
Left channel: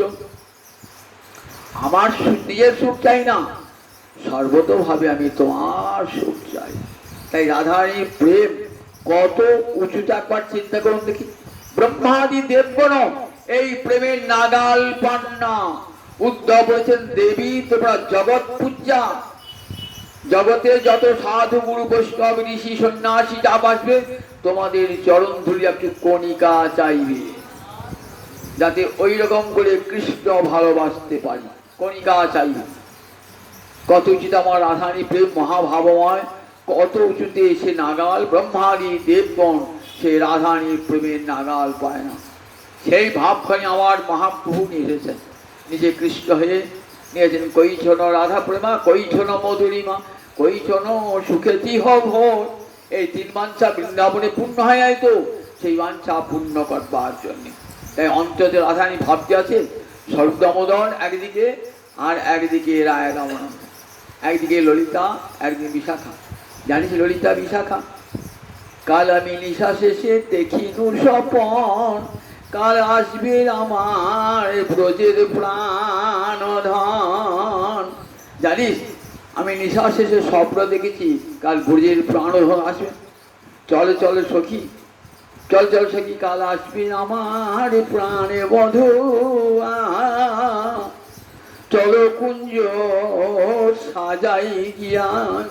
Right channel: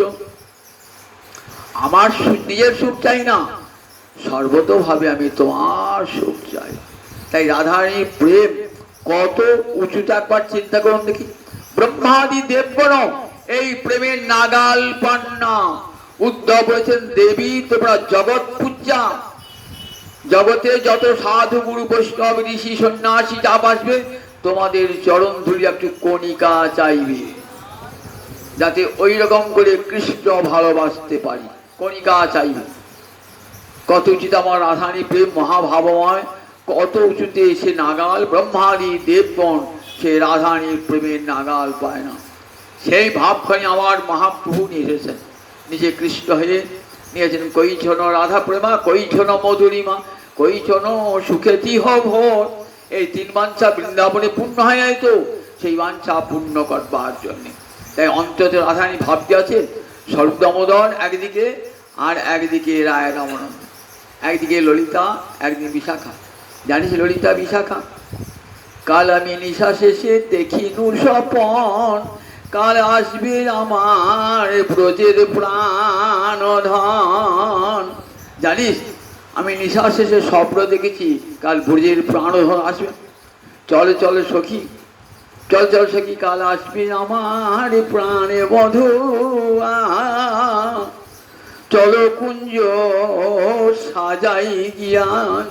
আমার নিজের সুখ চাই না, সর্বতোভাবে আমি তোমার সুখ চাই। তাই রাধারানীর প্রেম কত উঁচুটা একবার চিন্তা করুন দেখি। ব্রহ্মাদি দেবগণ এই প্রেমের নাগাল পান না। উদ্ধব বলেছেন, দেবী তোমরা জগৎ পূজা, জগতে যত সাধু গুরু বৈষ্ণব ঋষি সন্ন্যাসী যা বাসবে, তোমাদের চরণ ধুলি একটি কণিকা চাইবে, যাতে ওই রকম করে কৃষ্ণ ভালোবাসতে পারি, কণিকা চাইবে। কত উচিত আমার রাধারানী প্রেম মহাভাবময়, কত উঁচুতে এসে নাগাল। ব্রহ্মাদি দেবগণ সে রাধারানীর প্রেমের নাগাল পায় না। সেই ভাবখানি আমার মহাপ্রভু নিয়ে এসেছেন, নিজে কৃষ্ণ হয়ে নিয়েছেন। কৈছন রাধা প্রেমা, কৈছন মধুরিমা, কৈছন সুখে তিহ ভোর। এই তিন বাঞ্ছা বৃন্দাবনে পূর্ণ হয় নাই তো, সেই বাঞ্ছা পূর্ণ করবার জন্যে। তাই অন্তত রাধারানী ভাবতে আছে স্বরূপ দামোদর একদিকে, আর একদিকে রায় রামানন্দ, একদিকে ললিতা, একদিকে বিশাখা। জানিস ললিতা বিশাখা? কাল আমি নিশা শেষে দেখিনু স্বপন, কাল আসবে আমার ব্রজের প্রাণধন। জানিস আমি নিশা শেষে স্বপ্ন দেখেছি কাল ব্রজের প্রাণধন আসবে। চলে চলে সখী, চল চল সখী, কাল আসবে আমার প্রাণে বধূ। চলো কুঞ্জ সাজাই জ্ঞান,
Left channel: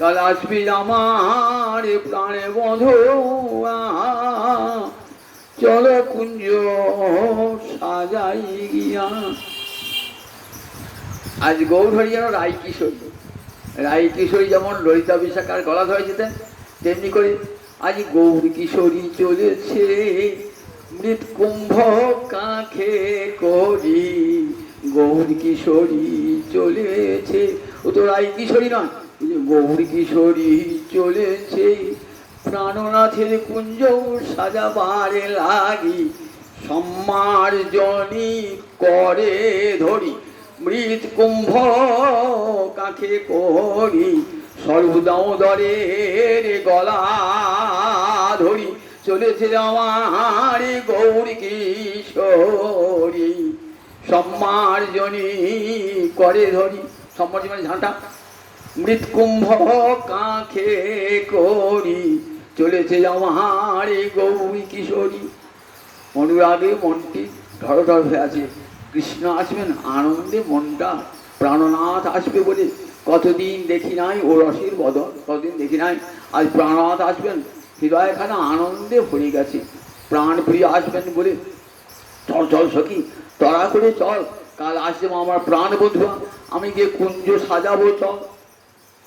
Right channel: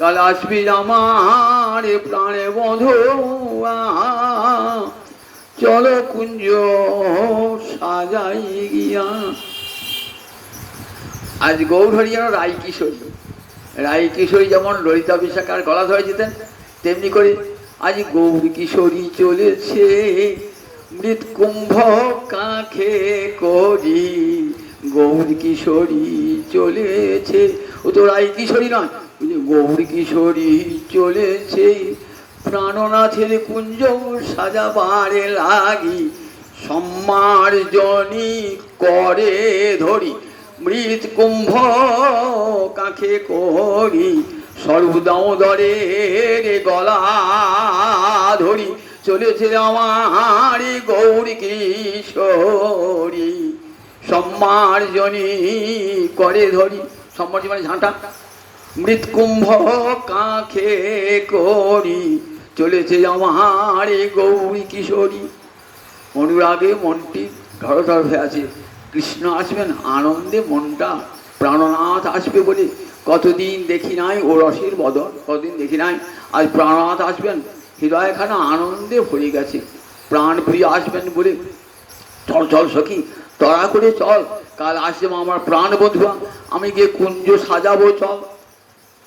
কাল আসবে আমার প্রাণে বধূ। চলো কুঞ্জ সাজাই জ্ঞান। আজ গৌরহরি যেন রায় কিশোরী, রায় কিশোরী যেমন ললিতা বিশাখার গলা ধরে যেতেন, তেমনি করে আজ গৌর কিশোরী চলেছে মৃত কুম্ভ কাঁখে করি। গৌর কিশোরী চলেছে, ও তো রায় কিশোরী নয়, গৌর কিশোরী চলেছে প্রাণনাথের কুঞ্জ সাজাবারে লাগি। সম্মার্জনী করে ধরি মৃত কুম্ভ কাঁখে করি। সর্বদামোদরের গলা ধরি চলেছে আমার গৌর কিশোরী। সম্মার্জনী করে ধরি, সম্মার্জনী মানে ঝাঁটা। মৃত কুম্ভ কাঁখে করি চলেছে আমার গৌরী কিশোরী। অনুরাগে মনটি ধর ধর হয়ে আছে, কৃষ্ণ আসবেন, আনন্দে মনটা প্রাণনাথ আসবে বলে কতদিন দেখি নাই ও রসের বদন, কতদিন দেখি নাই, আজ প্রাণনাথ আসবেন, হৃদয়খানা আনন্দে ভরে গেছে। প্রাণ প্রিয় আসবেন বলে চল চল সখী, তড়া করে চল, কাল আসবে আমার প্রাণ বন্ধুয়া, আমি গিয়ে কুঞ্জ সাজাবো চল।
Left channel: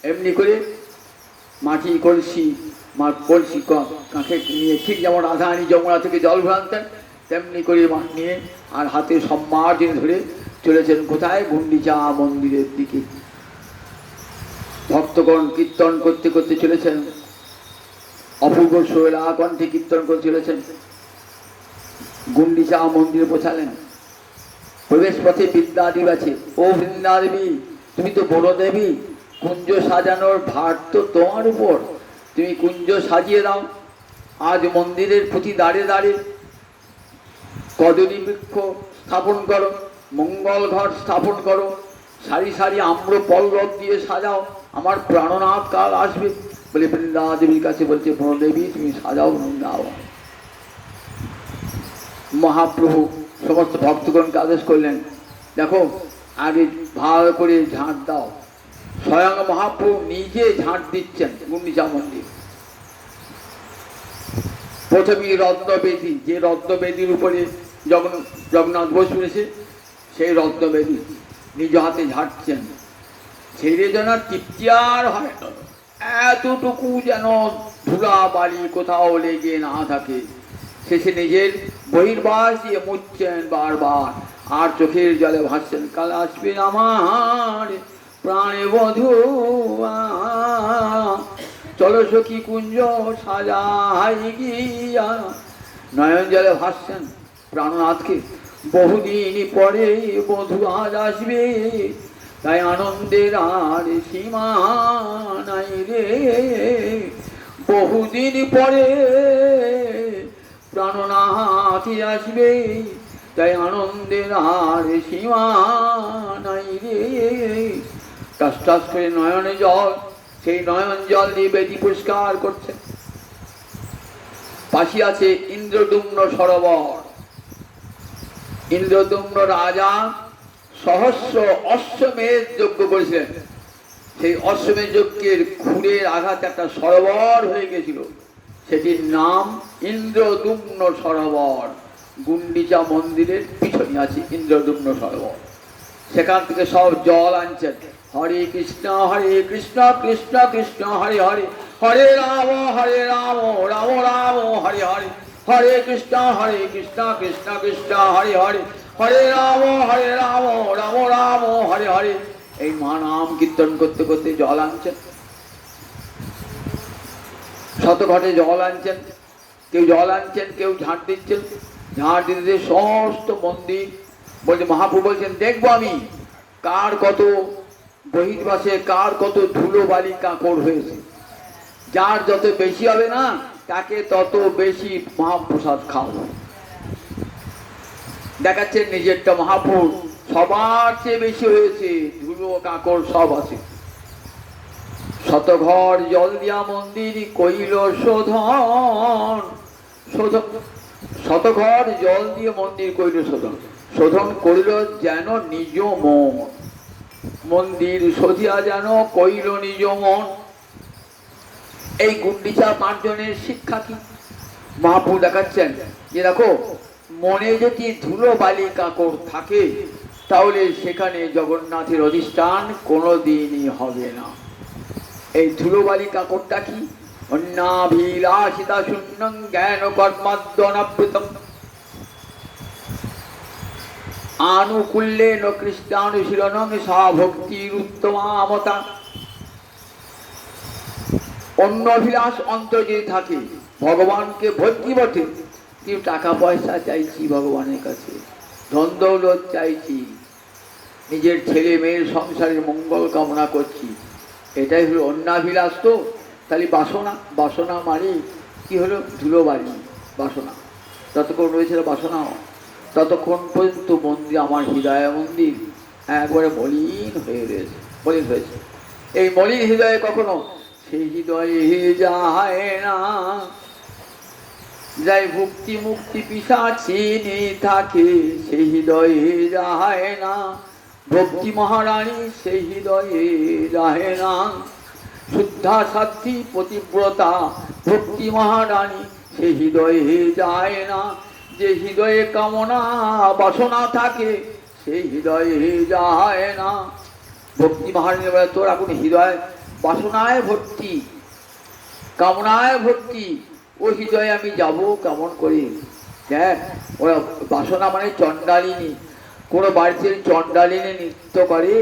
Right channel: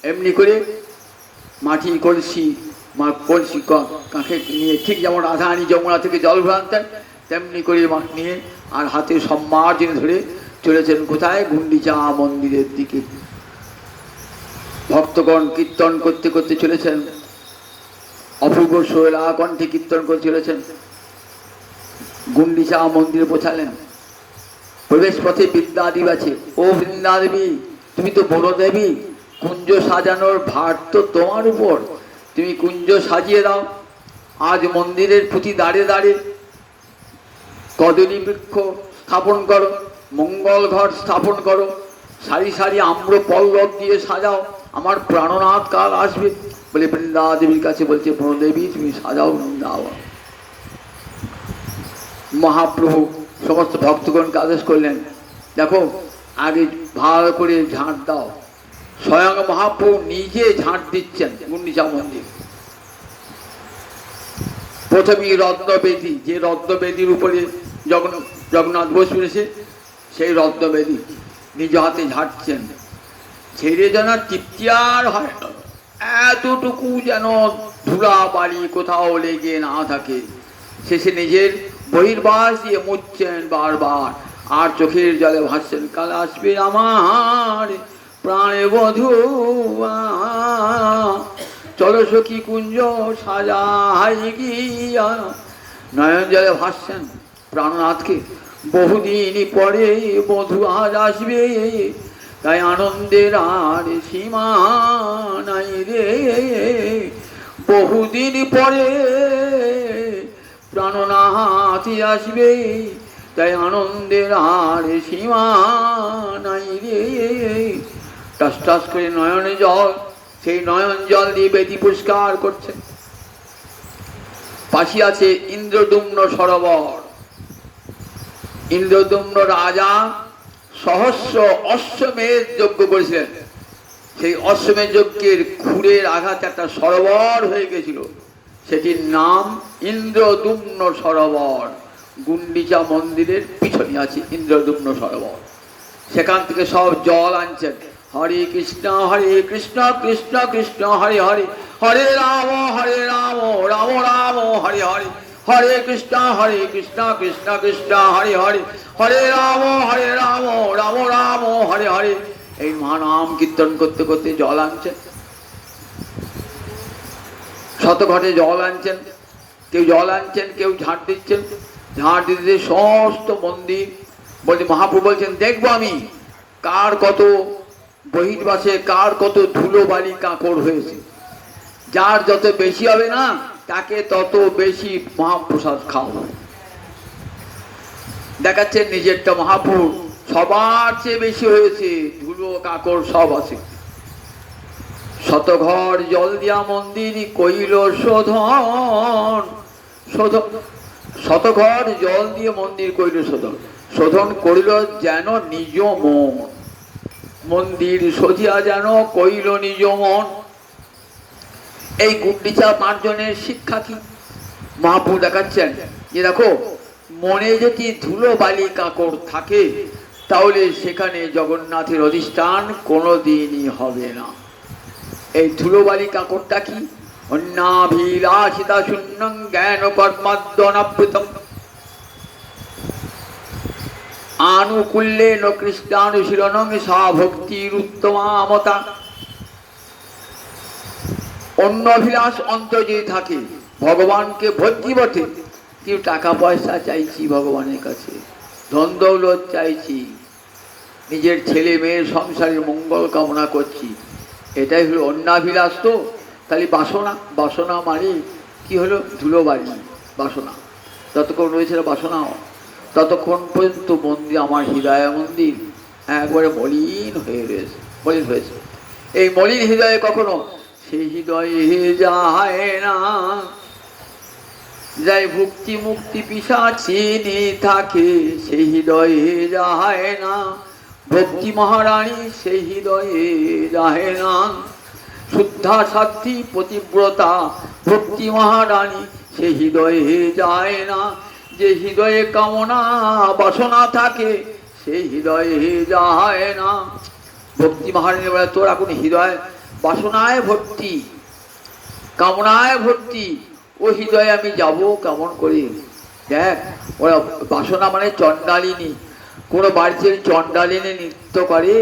এমনি করে মাটি কলসি, কলসি কাঁখে নিয়ে, ঠিক যেমন রাধারানী যমুনা থেকে জল ভরাতেন, তেমনি করে নিয়ে আর হাতে সম্মার্জনী ধরে চলেছেন কোথায়? গুন্ডিচা মন্দিরের দিকে। ভক্তগণ কীর্তন করতে করতে চলেছেন, অপূর্ব শৈলা কণ্ঠে কীর্তন করে চলেছেন। গুন্ডিচা মন্দিরে পৌঁছালেন, প্রবেশ পথে বৃন্দাদেবী আছে। ও বৃন্দাদেবী, তুমি তো বড় দেবী, কুঞ্জ সাজানোর ভার তো তোমার উপর, তুমি কুঞ্জ সাজিয়ে দাও। আজ মন্দিরের প্রতি দাঁড়ে দাঁড়ে কদলী বৃক্ষ স্থাপন করো, মঙ্গল ঘর স্থাপন করো, সারি সারি আম্র পল্লব দিয়ে সাজাও, আমার প্রাণনাথ কাল আসবে বলে বৃন্দাদেবীর কাছে বলছে, বনদেবী তুমি সাজাও বৃন্দাবন। মহাপ্রভু সমস্ত ভক্তগণকে আদেশ করলেন, দেখো আগে ভালো করে ঝাঁট দাও। স্বয়ং মহাপ্রভু নিজে ঝাঁট দিচ্ছেন গুন্ডিচা মন্দির। প্রথমেই রত্নবেদী, যে রত্নবেদীর উপরে জগন্নাথ বসবেন এসে, সেই রত্নবেদী নিজ হাতে ঝাঁটছেন। ছেড়ে যেন তৃপ্তি আর হয় না, এতটুকু যেন ধুলা বাড়ি কোথাও লেগে না থাকে। শেষে নিজের বহির্বাস দিয়ে মুছছেন বারবার, আর চোখের জলে ভাসছেন, কাল আসবে আমার প্রাণে বধূ। চলো সখী কুঞ্জ সাজাই গিয়া, নয়ন জলে ভাসছেন প্রাণনাথকে। বহুদিন পরে বধূ আজ আসবে, তাই আনন্দের আর সীমা নাই রে। বহুদিন পরে প্রাণনাথ আসবে, তাই আনন্দের আর সীমা নাই রে। টাস টাস করে নয়নে জল, সেই নয়ন জল দিয়ে বেদি পরিষ্কার করছে। পাশে আছে ইন্দ্রদুম্ন সরোবর। ইন্দ্রদুম্ন রাজা সহস্র অশ্বমেধ যজ্ঞ করেছিলেন। সেই অশ্বমেধ যজ্ঞের খুরের আঘাতে একটা সরোবর হয়ে গেছিল, সেটির নাম ইন্দ্রদুম্ন সরোবর। গুন্ডিচা মন্দিরের পিছনে আছে ইন্দ্রদুম্ন সরোবর। সেখান থেকে সব জল আনছেন। হরে কৃষ্ণ কৃষ্ণ কৃষ্ণ হরে হরে, হরে রাম রাম রাম হরে হরে, হরে কৃষ্ণ কৃষ্ণ কৃষ্ণ হরে হরে, হরে রাম রাম রাম হরে হরে। এই মা নাম কীর্তন করতে করতে জল আনছেন। শত ঘটে জল আনছেন, কেউ জল আনছেন, কেউ ঝাঁট দিচ্ছেন। ঝাঁট দিতে সমস্ত মন্দির বলছে, মহাপ্রভু বলছেন দেখবো আমি কার কত বহির্বাসে, কার কত ধুলো বালি কাঁকড় হয়েছে। যার যত বেশি হবে না, তাকে তত বেশি মহাপ্রসাদ খাওয়া। দেখাচ্ছেন নিজেরটা মহাপ্রভু সবার চেয়ে বেশি হয়েছে, ধুলো কাঁকড় সব আছে। শতঘর জল দিয়া মন্দির কইল শোধন, শোধন শতঘর জল দিয়ে মন্দির কইল শোধন। শোধন করিল যেন নিজ মন, মন্দির সজিয়া যেন কইল নিজ মন। এই গুন্ডিচা পাঁচজনের শিক্ষা কি? মহাপ্রভু দেখাচ্ছেন যে দেখো, মনে যদি ধুলো বালি কাঁকড় থাকে, তাহলে সেখানে জগন্নাথের অধিষ্ঠান কোনোদিনই হবে না। এই ধুলো বালি কাঁকড়টা কি? অন্যাভিলাষিতা শূন্যং জ্ঞান কর্মাদ্যনাবৃতম আনুকূল্যেন কৃষ্ণানুশীলনং সা ভক্তির উত্তমামতা। অন্য অভিলাষ অন্তর যদি থাকে, ভগবানকে ভক্তি বটে, কিন্তু টাকা পয়সা চাইছি ভগবানের কাছে, ধন দৌলত চাইছি, নিজের ছেলে মেয়ের সংসারের মঙ্গল কামনা করছি, এটাই হলো অন্যাভিলাষ। তো তাহলে বাসনা, বাসনা মানে কি হলো? ধুলোবালি বাসনা। যতক্ষণ রয়েছে বাসনা, ততক্ষণ পর্যন্ত মন্দির, আমার হৃদয় মন্দির একবারে মলিন হয়ে রয়েছে, মলিন হয়েছে। এই মলিন হৃদয়ে কখনো সেই হৃদয়ে যায় না, যাই ভক্তি মুক্তি পিশাচিনী থাকে, সেই হৃদয়ে যায় না। ভক্তি মহারানী সেই হৃদয়ে যায় না। শুদ্ধা সাধ্বী পতিব্রতা ভক্তি মহারানী সেই হৃদয়ে যায় না। যে হৃদয়ে কামনা বাসনা থাকে, সেই হৃদয়ে যায় না। ভক্তি মহারানী বলে, তোর এখন হৃদয় বাসনায় ভর্তি, কামনায় ভর্তি, ও হৃদয়ে আমি যাব কেমন করে? দেখ, ওরা বাসনা মানে চণ্ডালিনী। কোনো বাড়িতে চণ্ডালিনী নৃত্য করে,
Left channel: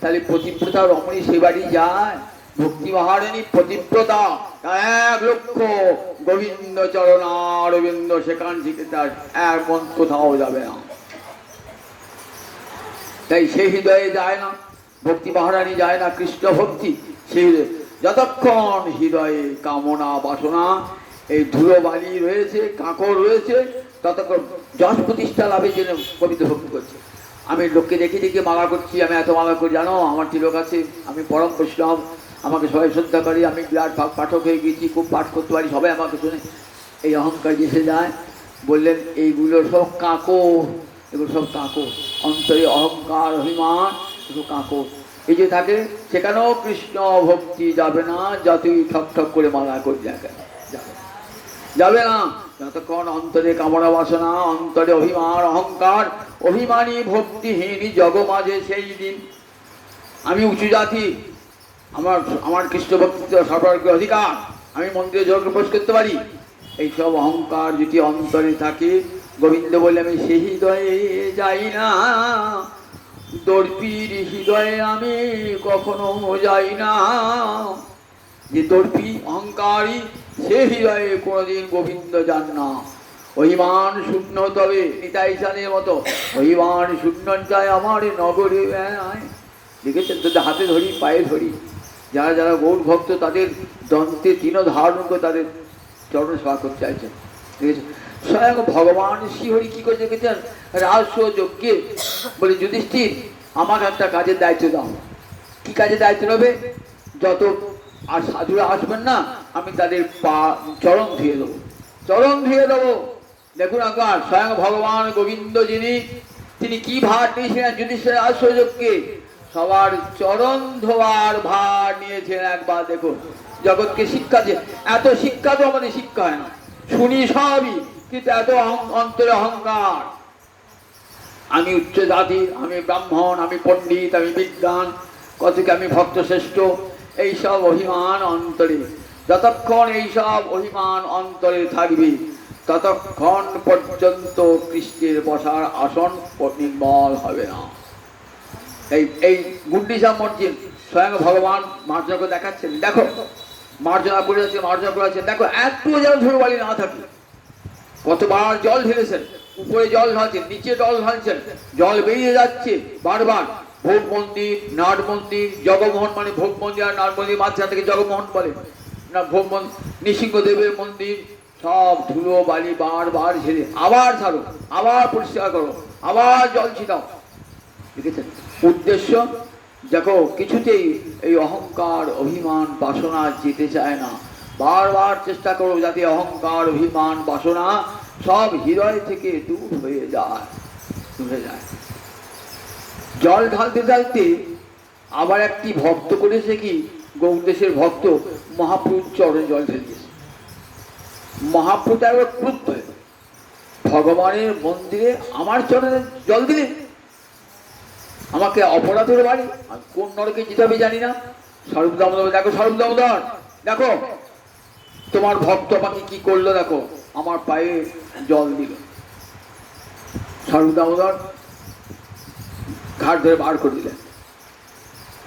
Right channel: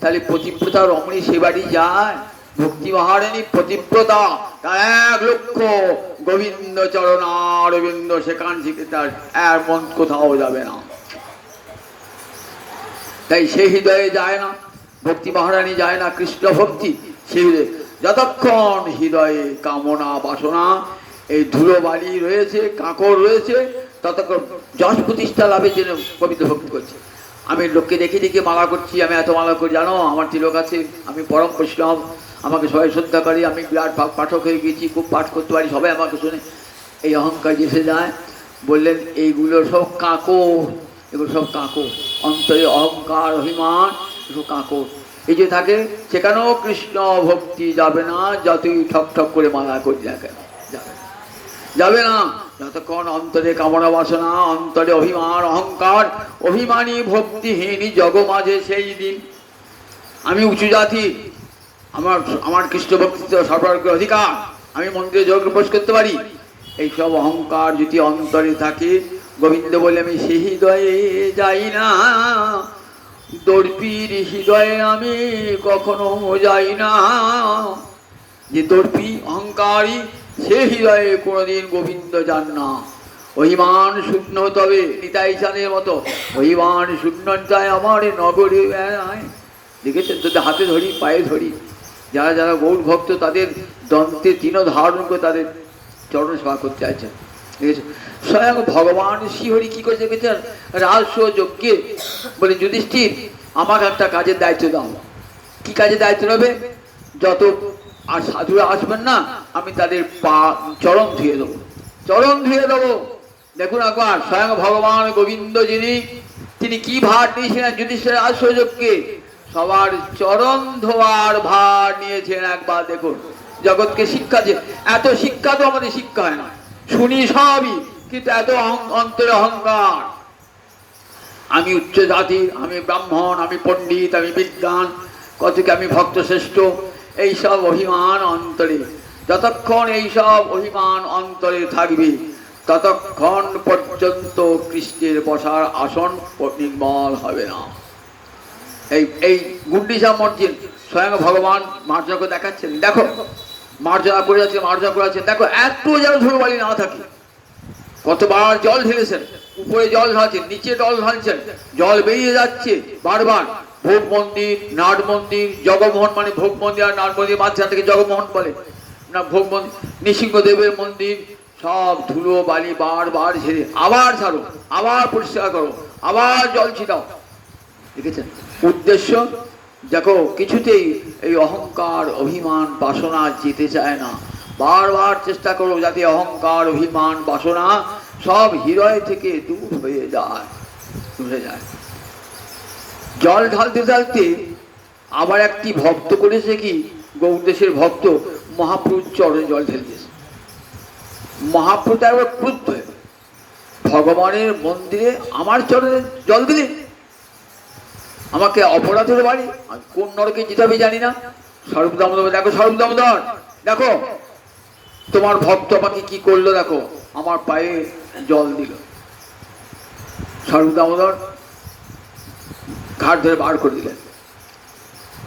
তাহলে পতিব্রতা রমণী সে বাড়ি যায়। ভক্তি মহারানী পতিব্রতা, 1 লক্ষ গোবিন্দ চরণারবিন্দ, সেখান থেকে তার এর মন কোথাও যাবে না। তাই সেই হৃদয়ে যায় না, ভক্তি মহারানী যায় না। কৃষ্ণ ভক্তি সেই হৃদয়ে, যতক্ষণ হৃদয়ে কামনা বাসনা এই ধুলো বালি রয়েছে, কাঁকড় রয়েছে, ততক্ষণ যশ প্রতিষ্ঠা লাভের জন্য গোবিন্দ ভক্তি করছে। আমি লোককে দেখে দেখে মালা করছি, আমি এত মালা করি জানো, আমার তিলক আছে, আমি পরম বৈষ্ণব, আমাকে সবাই শ্রদ্ধা করে, আমি বিরাট পাঠক হয়ে গেছি, খুব পাঠ করতে পারি, সবাই আমাকে শুনে। এই অহংকার এসে যায়। বললেন এইগুলো সব কাঁকড়, এগুলো সব কাঁকড়। অন্তরে অহংকার অভিমান এগুলো কাঁকড়। এই যে থাকে, সেখানেও কৃষ্ণ ভক্তি যাবে না, যতই ঠক ঠক করে মালা করি না কেন, যাবে না। যতক্ষণ অন্তরে কামনা বাসনা, অন্তরে অভিমান অহংকার, অভিমানী ভক্তিহীনী জগ মাঝে সেই দিন। আমি উঁচু জাতি, আমার কৃষ্ণ ভক্তিতে সর্বাগ্র অধিকার, আমি মন্দিরে যোগ প্রবেশ করতে পারি, এইসব অহংকার যদি অন্তরে থাকে, গোবিন্দ বলে আমি সেই হৃদয়ে যাই না। দর্পীর হৃদয়ে আমি কখনো যাই না। যে দর্পী অহংকারী, সে হৃদয়ে কোনোদিন গোবিন্দ যান না। অভিমান শূন্য হতে হবে নিতাই চাঁদের মতো। অভিমান শূন্য চায় আমার নগরে বেড়ায়। দেখেছেন তোদের হাতে ধরি পায়ে ধরি, যারা যারা গৌর ভক্ত তাদের দন্তে তিন ধারণ করে তাদের চরণ সেবা করতে চাইছেন। ঠিক আছে, স্বয়ং ভগবান শ্রীহরি কি করেছে দেখেছেন, রাজস্ব যজ্ঞে বলে যুধিষ্ঠির আমাকে একটা কাজের দায়িত্ব দাও। কি কাজের দায়িত্ব নেবে? যত আর সাধুরা আসবেন না আমি তাদের পা চরণ ধুয়ে দেবো, চরণ ধুয়ে দেবো। দেখুন একবার স্বয়ং ভগবান গোবিন্দ তিনি কি ভার নিয়েছিলেন যুধিষ্ঠির রাজস্ব যজ্ঞে, সবার চরণ ধোয়ার ভার নিয়েছেন। একবার দেখুন জগৎকে শিক্ষা যে এত শিক্ষা তো আমাদের শিক্ষা হয় না, শুনি সবই কিন্তু এত অন্তরে অহংকার। আমি উচ্চ জাতির, আমি ব্রাহ্মণ, আমি পণ্ডিত, আমি বিদ্বান, কতকে আমি ভক্ত শ্রেষ্ঠ, এইসব অভিমান অন্তরে, যতক্ষণ এইসব অভিমান অন্তরে থাকবে ততক্ষণ পর্যন্ত কৃষ্ণের বসার আসন নির্মল হবে না। এই গুন্ডিচা মর্জিন স্বয়ং ভগবান মার্জনা দেখাচ্ছেন, দেখো মার্জনা করে আছে, মার্জনা করে আছে, দেখো একটু যেন ধুলোবালি না থাকে। কতবার জল ঢেলেছেন, উপরে জল ঢালছেন, নিচে জল ঢালছেন, জল বেরিয়ে যাচ্ছে বারবার। ভোগ মন্দির, নাট মন্দির, জগমোহন মানে ভোগ মন্দির আর নাট মন্দির মাঝখান থেকে জগমোহন বলে না, ভোগ মন্দির নৃসিংহদেবের মন্দির, সব ধুলো বালি বারবার ঝেড়ে আবার ছাড়ো, আবার পরিষ্কার করো, আবার জল ছিটাও। দেখেছেন উদ্দেশ্য? দেখো কিছুতেই এই অহংকার অভিমান বাসনা যেতে চায় না। বারবার চেষ্টা করো যাতে অহংকার অভিমান বাসনা সব হৃদয় থেকে দূর হয়ে যায়, দূরে যায়। জল ঢালতে ঢালতে আবার একটি ভক্ত করেছে কি, গৌরদেশের ভক্ত মহাপ্রভুর চরণে জল ঢেলতেছে। মহাপ্রভু একবার ক্রুদ্ধ হয়ে ভগবানের মন্দিরে আমার চরণে জল দিলেন, আমাকে অপরাধের বাড়ি, কোন নরকে যেতে হবে জানি না। স্বরূপ দামোদর, দেখো স্বরূপ দামোদর, দেখো তোমার ভক্ত আমাকে কি করলো, দেখো আমার পায়ে জল দিল। স্বরূপ দামোদর ঘাট ধরে বার করে দিলেন।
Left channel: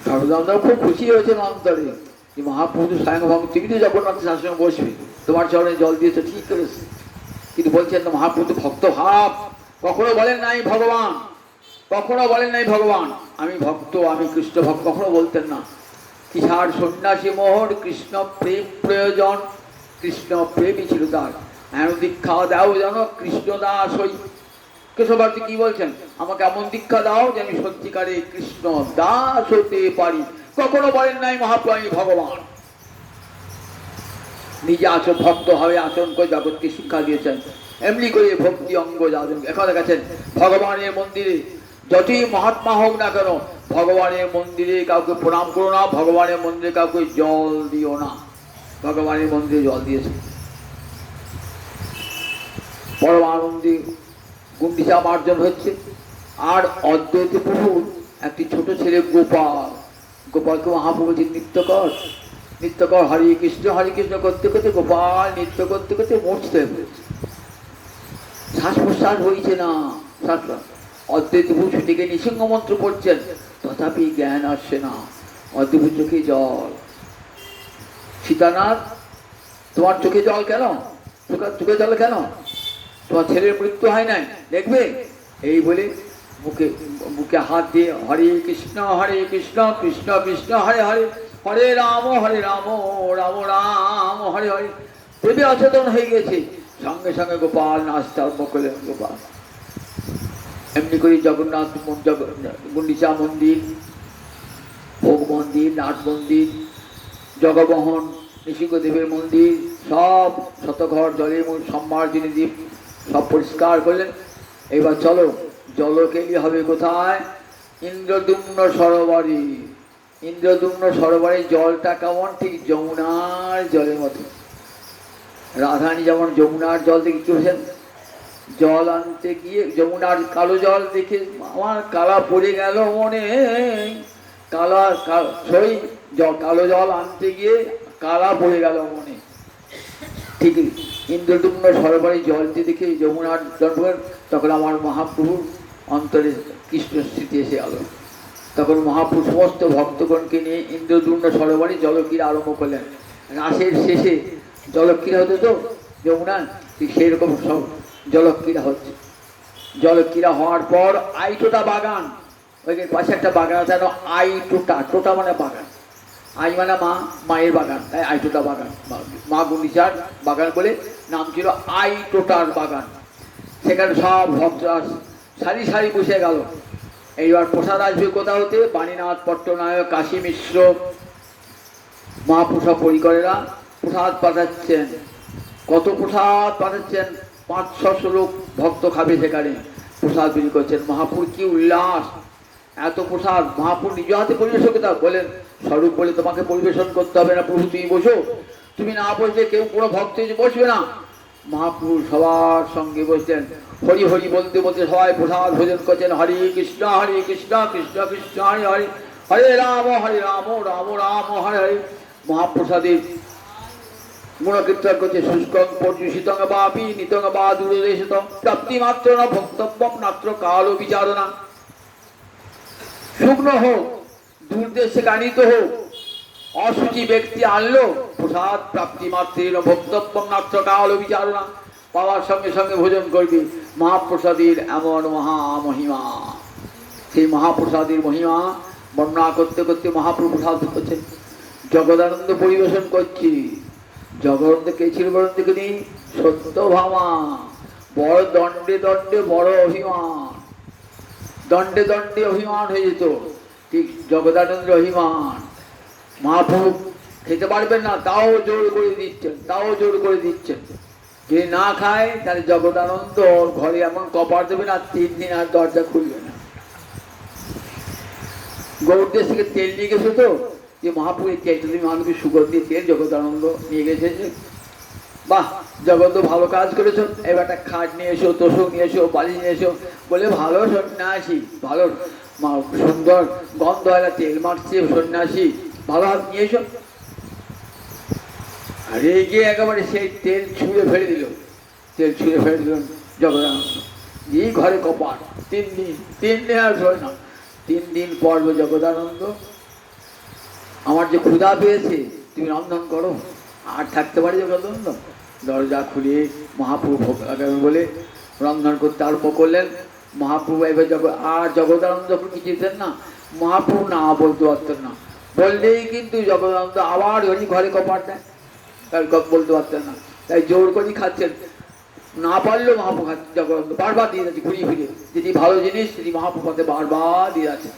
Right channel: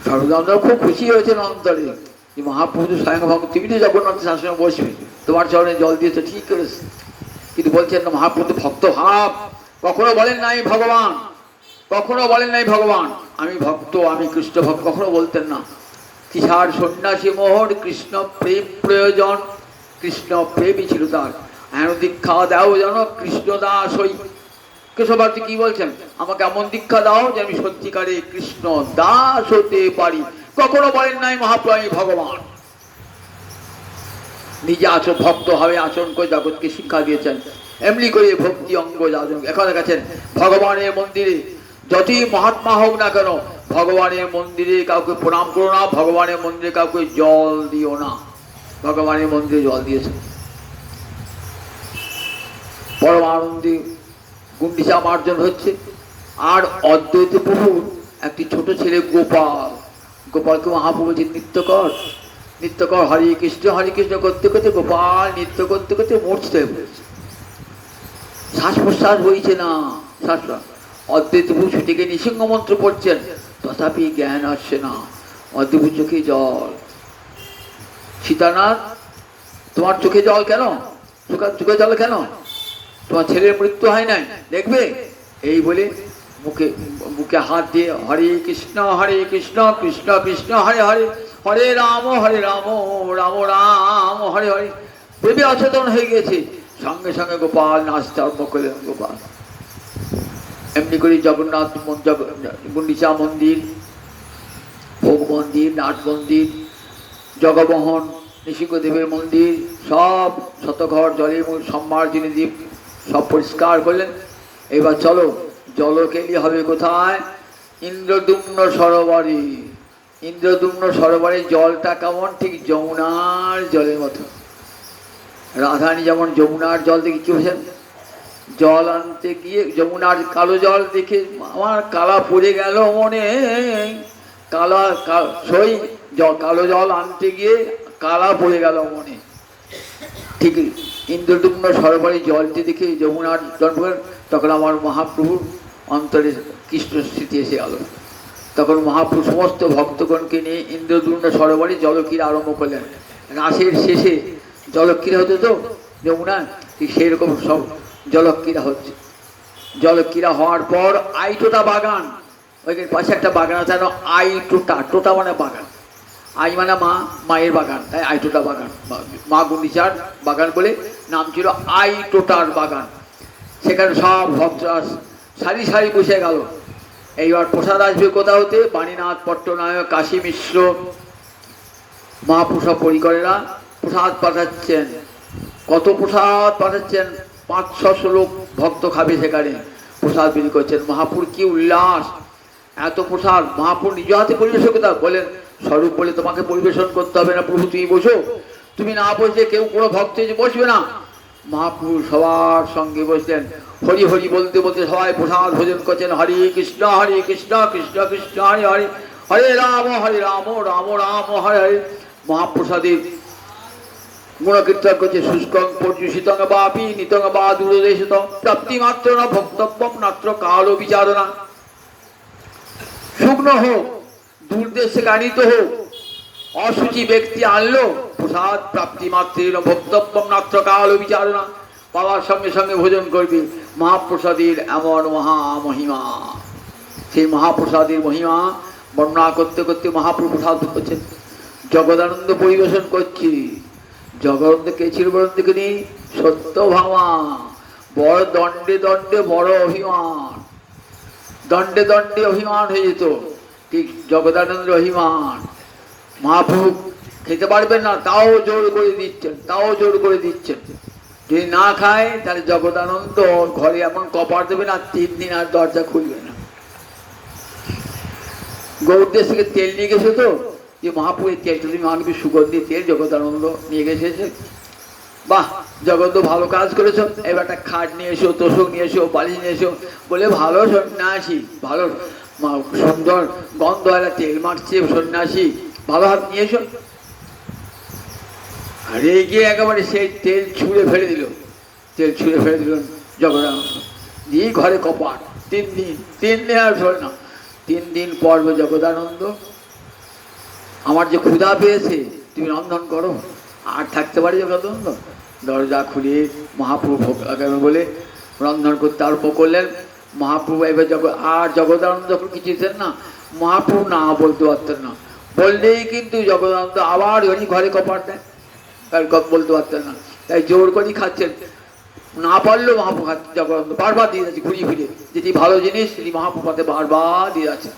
স্বরূপ দামোদর খুব খুশি হয়েছেন অন্তরে যে মহাপ্রভু স্বয়ং ভক্ত, তুমি তো জগন্নাথ শাসনে বসবে, তোমার চরণে জল দিয়েছে ঠিক করেছে। কিন্তু বলছেন না মহাপ্রভু ভক্ত ভাব, কখনো বলেন নাই ভগবান, কখনো বলেন নাই ভগবান আমি ভক্ত, আমি কৃষ্ণ ভক্ত, কখনো বলতেন না। কিসার সন্ন্যাসী মোহর কৃষ্ণ প্রেম প্রয়োজন, কৃষ্ণ প্রেমই ছিল তার। এমন দীক্ষা দাও যেন কৃষ্ণ দাস হই। কেশবার্তি কি বলছেন, আমাকে এমন দীক্ষা দাও যে আমি সত্যিকারে কৃষ্ণ দাস হতে পারি। কখনো বলেন নাই মহাপ্রভু আমি ভগবান। নিজে আচরণ ভক্ত হবে আচরণ করে জগৎকে শিক্ষা দিয়েছেন। এমনি করে ভক্তি অঙ্গ যাজন। এখন দেখাচ্ছেন ভগবানের মন্দিরে যতই মহাত্মা হোক না কেন, ভগবানের মন্দিরে কাউকে প্রণাম করো না, ভগবানের মন্দিরে কাউকে জল দিও না। ভগবানের মন্দিরে জল দিয়েছে, পরমানন্দে গুন্ডিচা মার্জন হচ্ছে। আর অদ্বৈত প্রভুর একটি ছোট ছেলে গোপাল, গোপালকে মহাপ্রভু যে নৃত্য কর হরে কৃষ্ণ করতে করতে গোপাল নৃত্য করতে করতে মূর্ছিত হয়ে পড়েছে, শ্বাস প্রশ্বাস হয়েছে না, শ্বাস। অদ্বৈত প্রভু ছুটিকে নৃসিংহ মন্ত্র পড়ছেন, তথাপি জ্ঞান আসছে না। অদ্বৈত চোখে জল। সীতানাথ তোমার চোখে জল কেন, চোখে জল কেন? তোমার ছেলের মৃত্যু হয় নাই দেখবে? এই বলে মুখে হাত দিয়ে হরে কৃষ্ণ কৃষ্ণ কৃষ্ণ হরে হরে, হরে রাম রাম রাম হরে হরে। প্রেমে অচেতন হয়ে গেছে, সঙ্গে সঙ্গে গোপাল নাচতে আরম্ভ করলেন। গোপাল এমনি করে জগন্নাথ গুন্ডিচা মন্দির, ভোগ মন্দির, নাট মন্দির, জগমোহন নৃসিংহদেবের মন্দির সব শতঘর জলের সম্মার্জনী দ্বীপ সব পরিষ্কার করলেন। এবার চলো জলকেলি হবে কোথায়? ইন্দ্রদুম্ন সরোবরে। ইন্দ্রদুম্ন সরোবরের জলটা কেমন? ঠিক যমুনার জলের মতো। রাধারানী যেমন যমুনার জল দেখে কি বলছেন, জল আনতে গিয়ে যমুনার কালো জল দেখে আমার কালা পড়ে গেল মনে, কালো জল আনতে গিয়ে কালা পড়ে গেল মনে। ঠিক ইন্দ্রদুম্ন সরোবরের জলটি দেখে যমুনার জল, তখন আমার মহাপ্রভুর অন্তরে কৃষ্ণ স্মৃতি এসে গেল। তখন মহাপ্রভু সমস্ত ভক্তগণকে নিয়ে ইন্দ্রদুম্ন সরোবরে জলক্রীড়া আরম্ভ করলেন। রাসের শেষে জলক্রীড়া হতো তো যমুনা, সেরকম সব জলক্রীড়া হচ্ছে। জলক্রীড়া হওয়ার পর আইটোটা বাগান, ওইখানে পাশে একটা বাগান আছে, আইটোটা, টোটা মানে বাগান, আই মানে মা, মায়ের বাগান, তাই আইটোটা বাগান, মা গুন্ডিচার বাগান বলে নাম ছিল আইটোটার বাগান। সেখানে সব ভক্তরা সারি সারি বসে গেল। এইবার প্রসাদ আসবে কোথা হতে? বাণীনাথ পট্টনায়ক, কাশী মিশ্র, মহাপুরুষ পরিকরেরা প্রসাদ পাঠাচ্ছেন। কত প্রসাদ পাঠাচ্ছেন! 500 লোক ভক্ত খাবে সেখানে, প্রসাদ বিলি করছেন। মহাপুর কি উল্লাস! এত প্রসাদ মহাপুর নিজ হাতে পরিবেশন করতে বলেন, স্বরূপ বলে তোমাকে পরিবেশন করতে হবে না প্রভু, তুমি বসো। তুমি না বসলে কেউ কোনো ভক্ত বসবে না। মহাপুর সবার সঙ্গে বসলেন, হরি হরি বলতে বলতে সবাই প্রসাদ ভোজন করছেন। হরে কৃষ্ণ কৃষ্ণ কৃষ্ণ হরে হরে, হরে রাম রাম রাম হরে হরে। মহাপ্রসাদের গুণকীর্তন করছে। শুষ্কং পর্যুষিতং বাপি নিতং বা দূরদেশিতং প্রাপ্তি মাত্র না ভক্তব্যম নাত্র কালো বিচারণা। শুকনো হোক, দূরদেশ থেকে আনিত হোক, অসুচি ব্যক্তি আনলো প্রসাদ প্রাপ্তি মাত্রের ভক্তব্যম নাত্র কালো বিচারণা, পাওয়ার সঙ্গে সঙ্গে ভোজন করবে। মহাপ্রসাদের এমন মহামহিমা, সেই মহাপ্রসাদের মহিমা বর্ণনা করতে করতে মহাপ্রভু প্রসাদ করছেন। জগদানন্দ পরিবেশন করছি। জগদানন্দ কে ছিল বলুন দেখিনি? সত্যভামা। বড় দণ্ডে দণ্ডে বড় অভিমান, দণ্ডে দণ্ডে অভিমান হয়ে যেত, ঠিক জগদানন্দের অভিমান। মহাপ্রভু খেতে পারবেন না, তাও জোর করে দিচ্ছেন, তাও জোর করে দিচ্ছেন। যদি না খায় তাহলে জগদানন্দ ঘরে এমন কপার দেবেন আর 3 দিন আর দরজা খুলবে না। গৌরদেশ থেকে তেল নিয়ে গেছে তো, যে মহাপুরের তেল, তুমি আনবি সুগন্ধি তেল, জগদানন্দ নিয়ে গেছে। বাহ, জগৎ ভালো কাজ করেছো, এবার একটা খাট নিয়ে এসো, তোষক নিয়ে এসো, বালিশ নিয়ে এসো। বলে ভালো সন্ন্যাসী, ভালো সুন্দর গন্ধ একটা তেল মারছে সন্ন্যাসী, ভালো হাত নিয়ে এসো। রেগে একেবারে সেই তেল ছুঁড়ে ফেলে দিল, তেল ছুঁড়ে ফেলে দিল জগদানন্দ। দিয়ে ঘরে কপাট। 3 দিন আর শোন না। 3 দিন পর জগদানন্দ, আমার যে ক্ষুধা পেয়েছে, তুমি রন্ধন করো। আর থাকতে পারি জগদানন্দ? দরজা খুলে মহাপ্রভু বলে রন্ধন করতে আরম্ভ করলেন। মহাপ্রভু এবার আর জগদানন্দ যখন কিছু দিতেন না, মহাপ্রভু না বলতে পারতেন না। বললেই কিন্তু জগদানন্দ আবার ওই ঘরে কপাট দেয়, বলতে পারতেন না, তাই জোর করেই খাচ্ছেন। না পারলেও মহাপ্রভু খাচ্ছে, জগদানন্দ বারবার দিয়ে যাচ্ছে ঘুরিয়ে ফিরে, যেটি ভালো জিনিস সেটি মহাপ্রভু হাতে বারবার দিয়ে যাচ্ছে।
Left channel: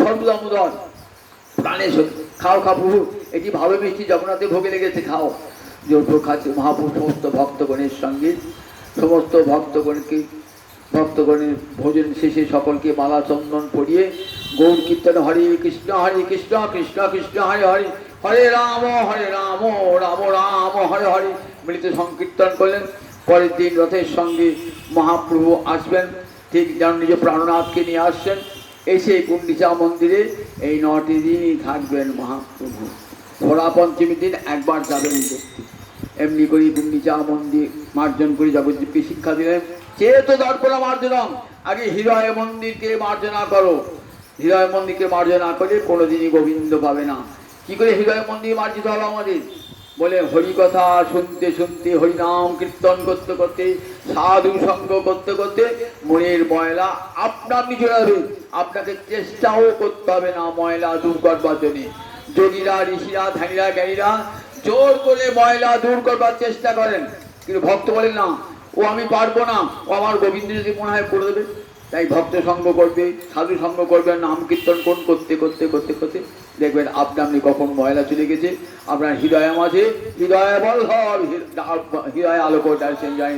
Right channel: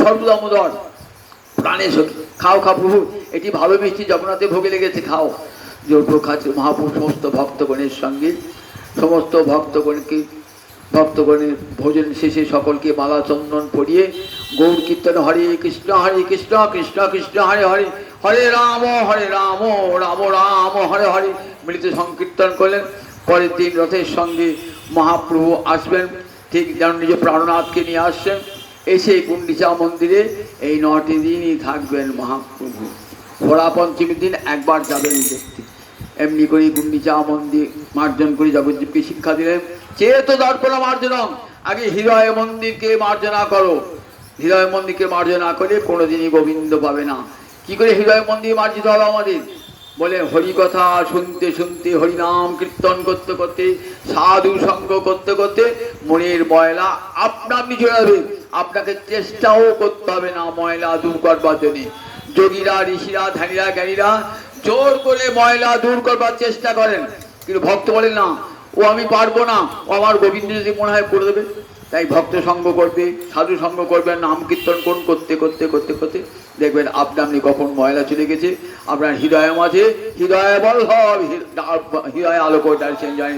সর্বদামোদর প্রাণে সখী, খাও খাও প্রভু, এটি ভালো মিষ্টি জগন্নাথে ভোগে লেগেছে, খাও। জোর খাচ্ছে মহাপ্রভু। সমস্ত ভক্তগণের সঙ্গে, সমস্ত ভক্তগণের ভোজন শেষে সকলকে মালা চন্দন পরিয়ে গৌর কীর্তন হরে কৃষ্ণ কৃষ্ণ কৃষ্ণ হরে হরে, হরে রাম রাম রাম হরে হরে মিলিত সংকীর্তন করলেন। পরের দিন রথের সঙ্গে মহাপ্রভু আসবেন, ঠিক যেন নিজ প্রাণনাথকে নিয়ে আসছেন। এসে গুন্ডিচা মন্দিরে এই 9টি দিনই থাকবেন মহাপ্রভু। ঘোড়া পঞ্চমীর দিন একবার যাবেন দেখতে। এমনি করে গুন্ডিচা মন্দির মার্জন করে জগৎজীবকে শিক্ষা দিলেন, চেত দর্পণ মার্জনম, আগে হৃদয় মন্দিরকে মার্জনা করো। হৃদয় মন্দিরকে মার্জনা করে কোনোদিনই গোবিন্দ পাবে না। কি করে হৃদয় মন্দির মার্জিত হবে আমাদের? বলে হরি কথা শুনতে শুনতে, হরিনাম কীর্তন করতে করতে, সাধু সঙ্গ করতে করতে মনের ময়লা আপনা আপনি চলে যাবে। আপনাকে চেষ্টাও করতে হবে না ময়লা দূর করবার জন্য। যোগীরা, ঋষিরা, ধ্যানীরা, জ্ঞানীরা জোর করে ময়লা দূর করবার চেষ্টা করেন, কিন্তু ভক্ত বলেন না, ও আমি পারবো না, ও আমার গোবিন্দ যদি মনে হয় করে দেবে। তাই ভক্ত সঙ্গ করবে, সাধু সঙ্গ করবেন, নাম কীর্তন করতে করতে করতে করতে দেখবেন আপনি আপনি কখন ময়লা চলে গেছে। আপনার হৃদয়ের মাঝে হৃদয় বল হৃদয় আলোক দর্শন যায়।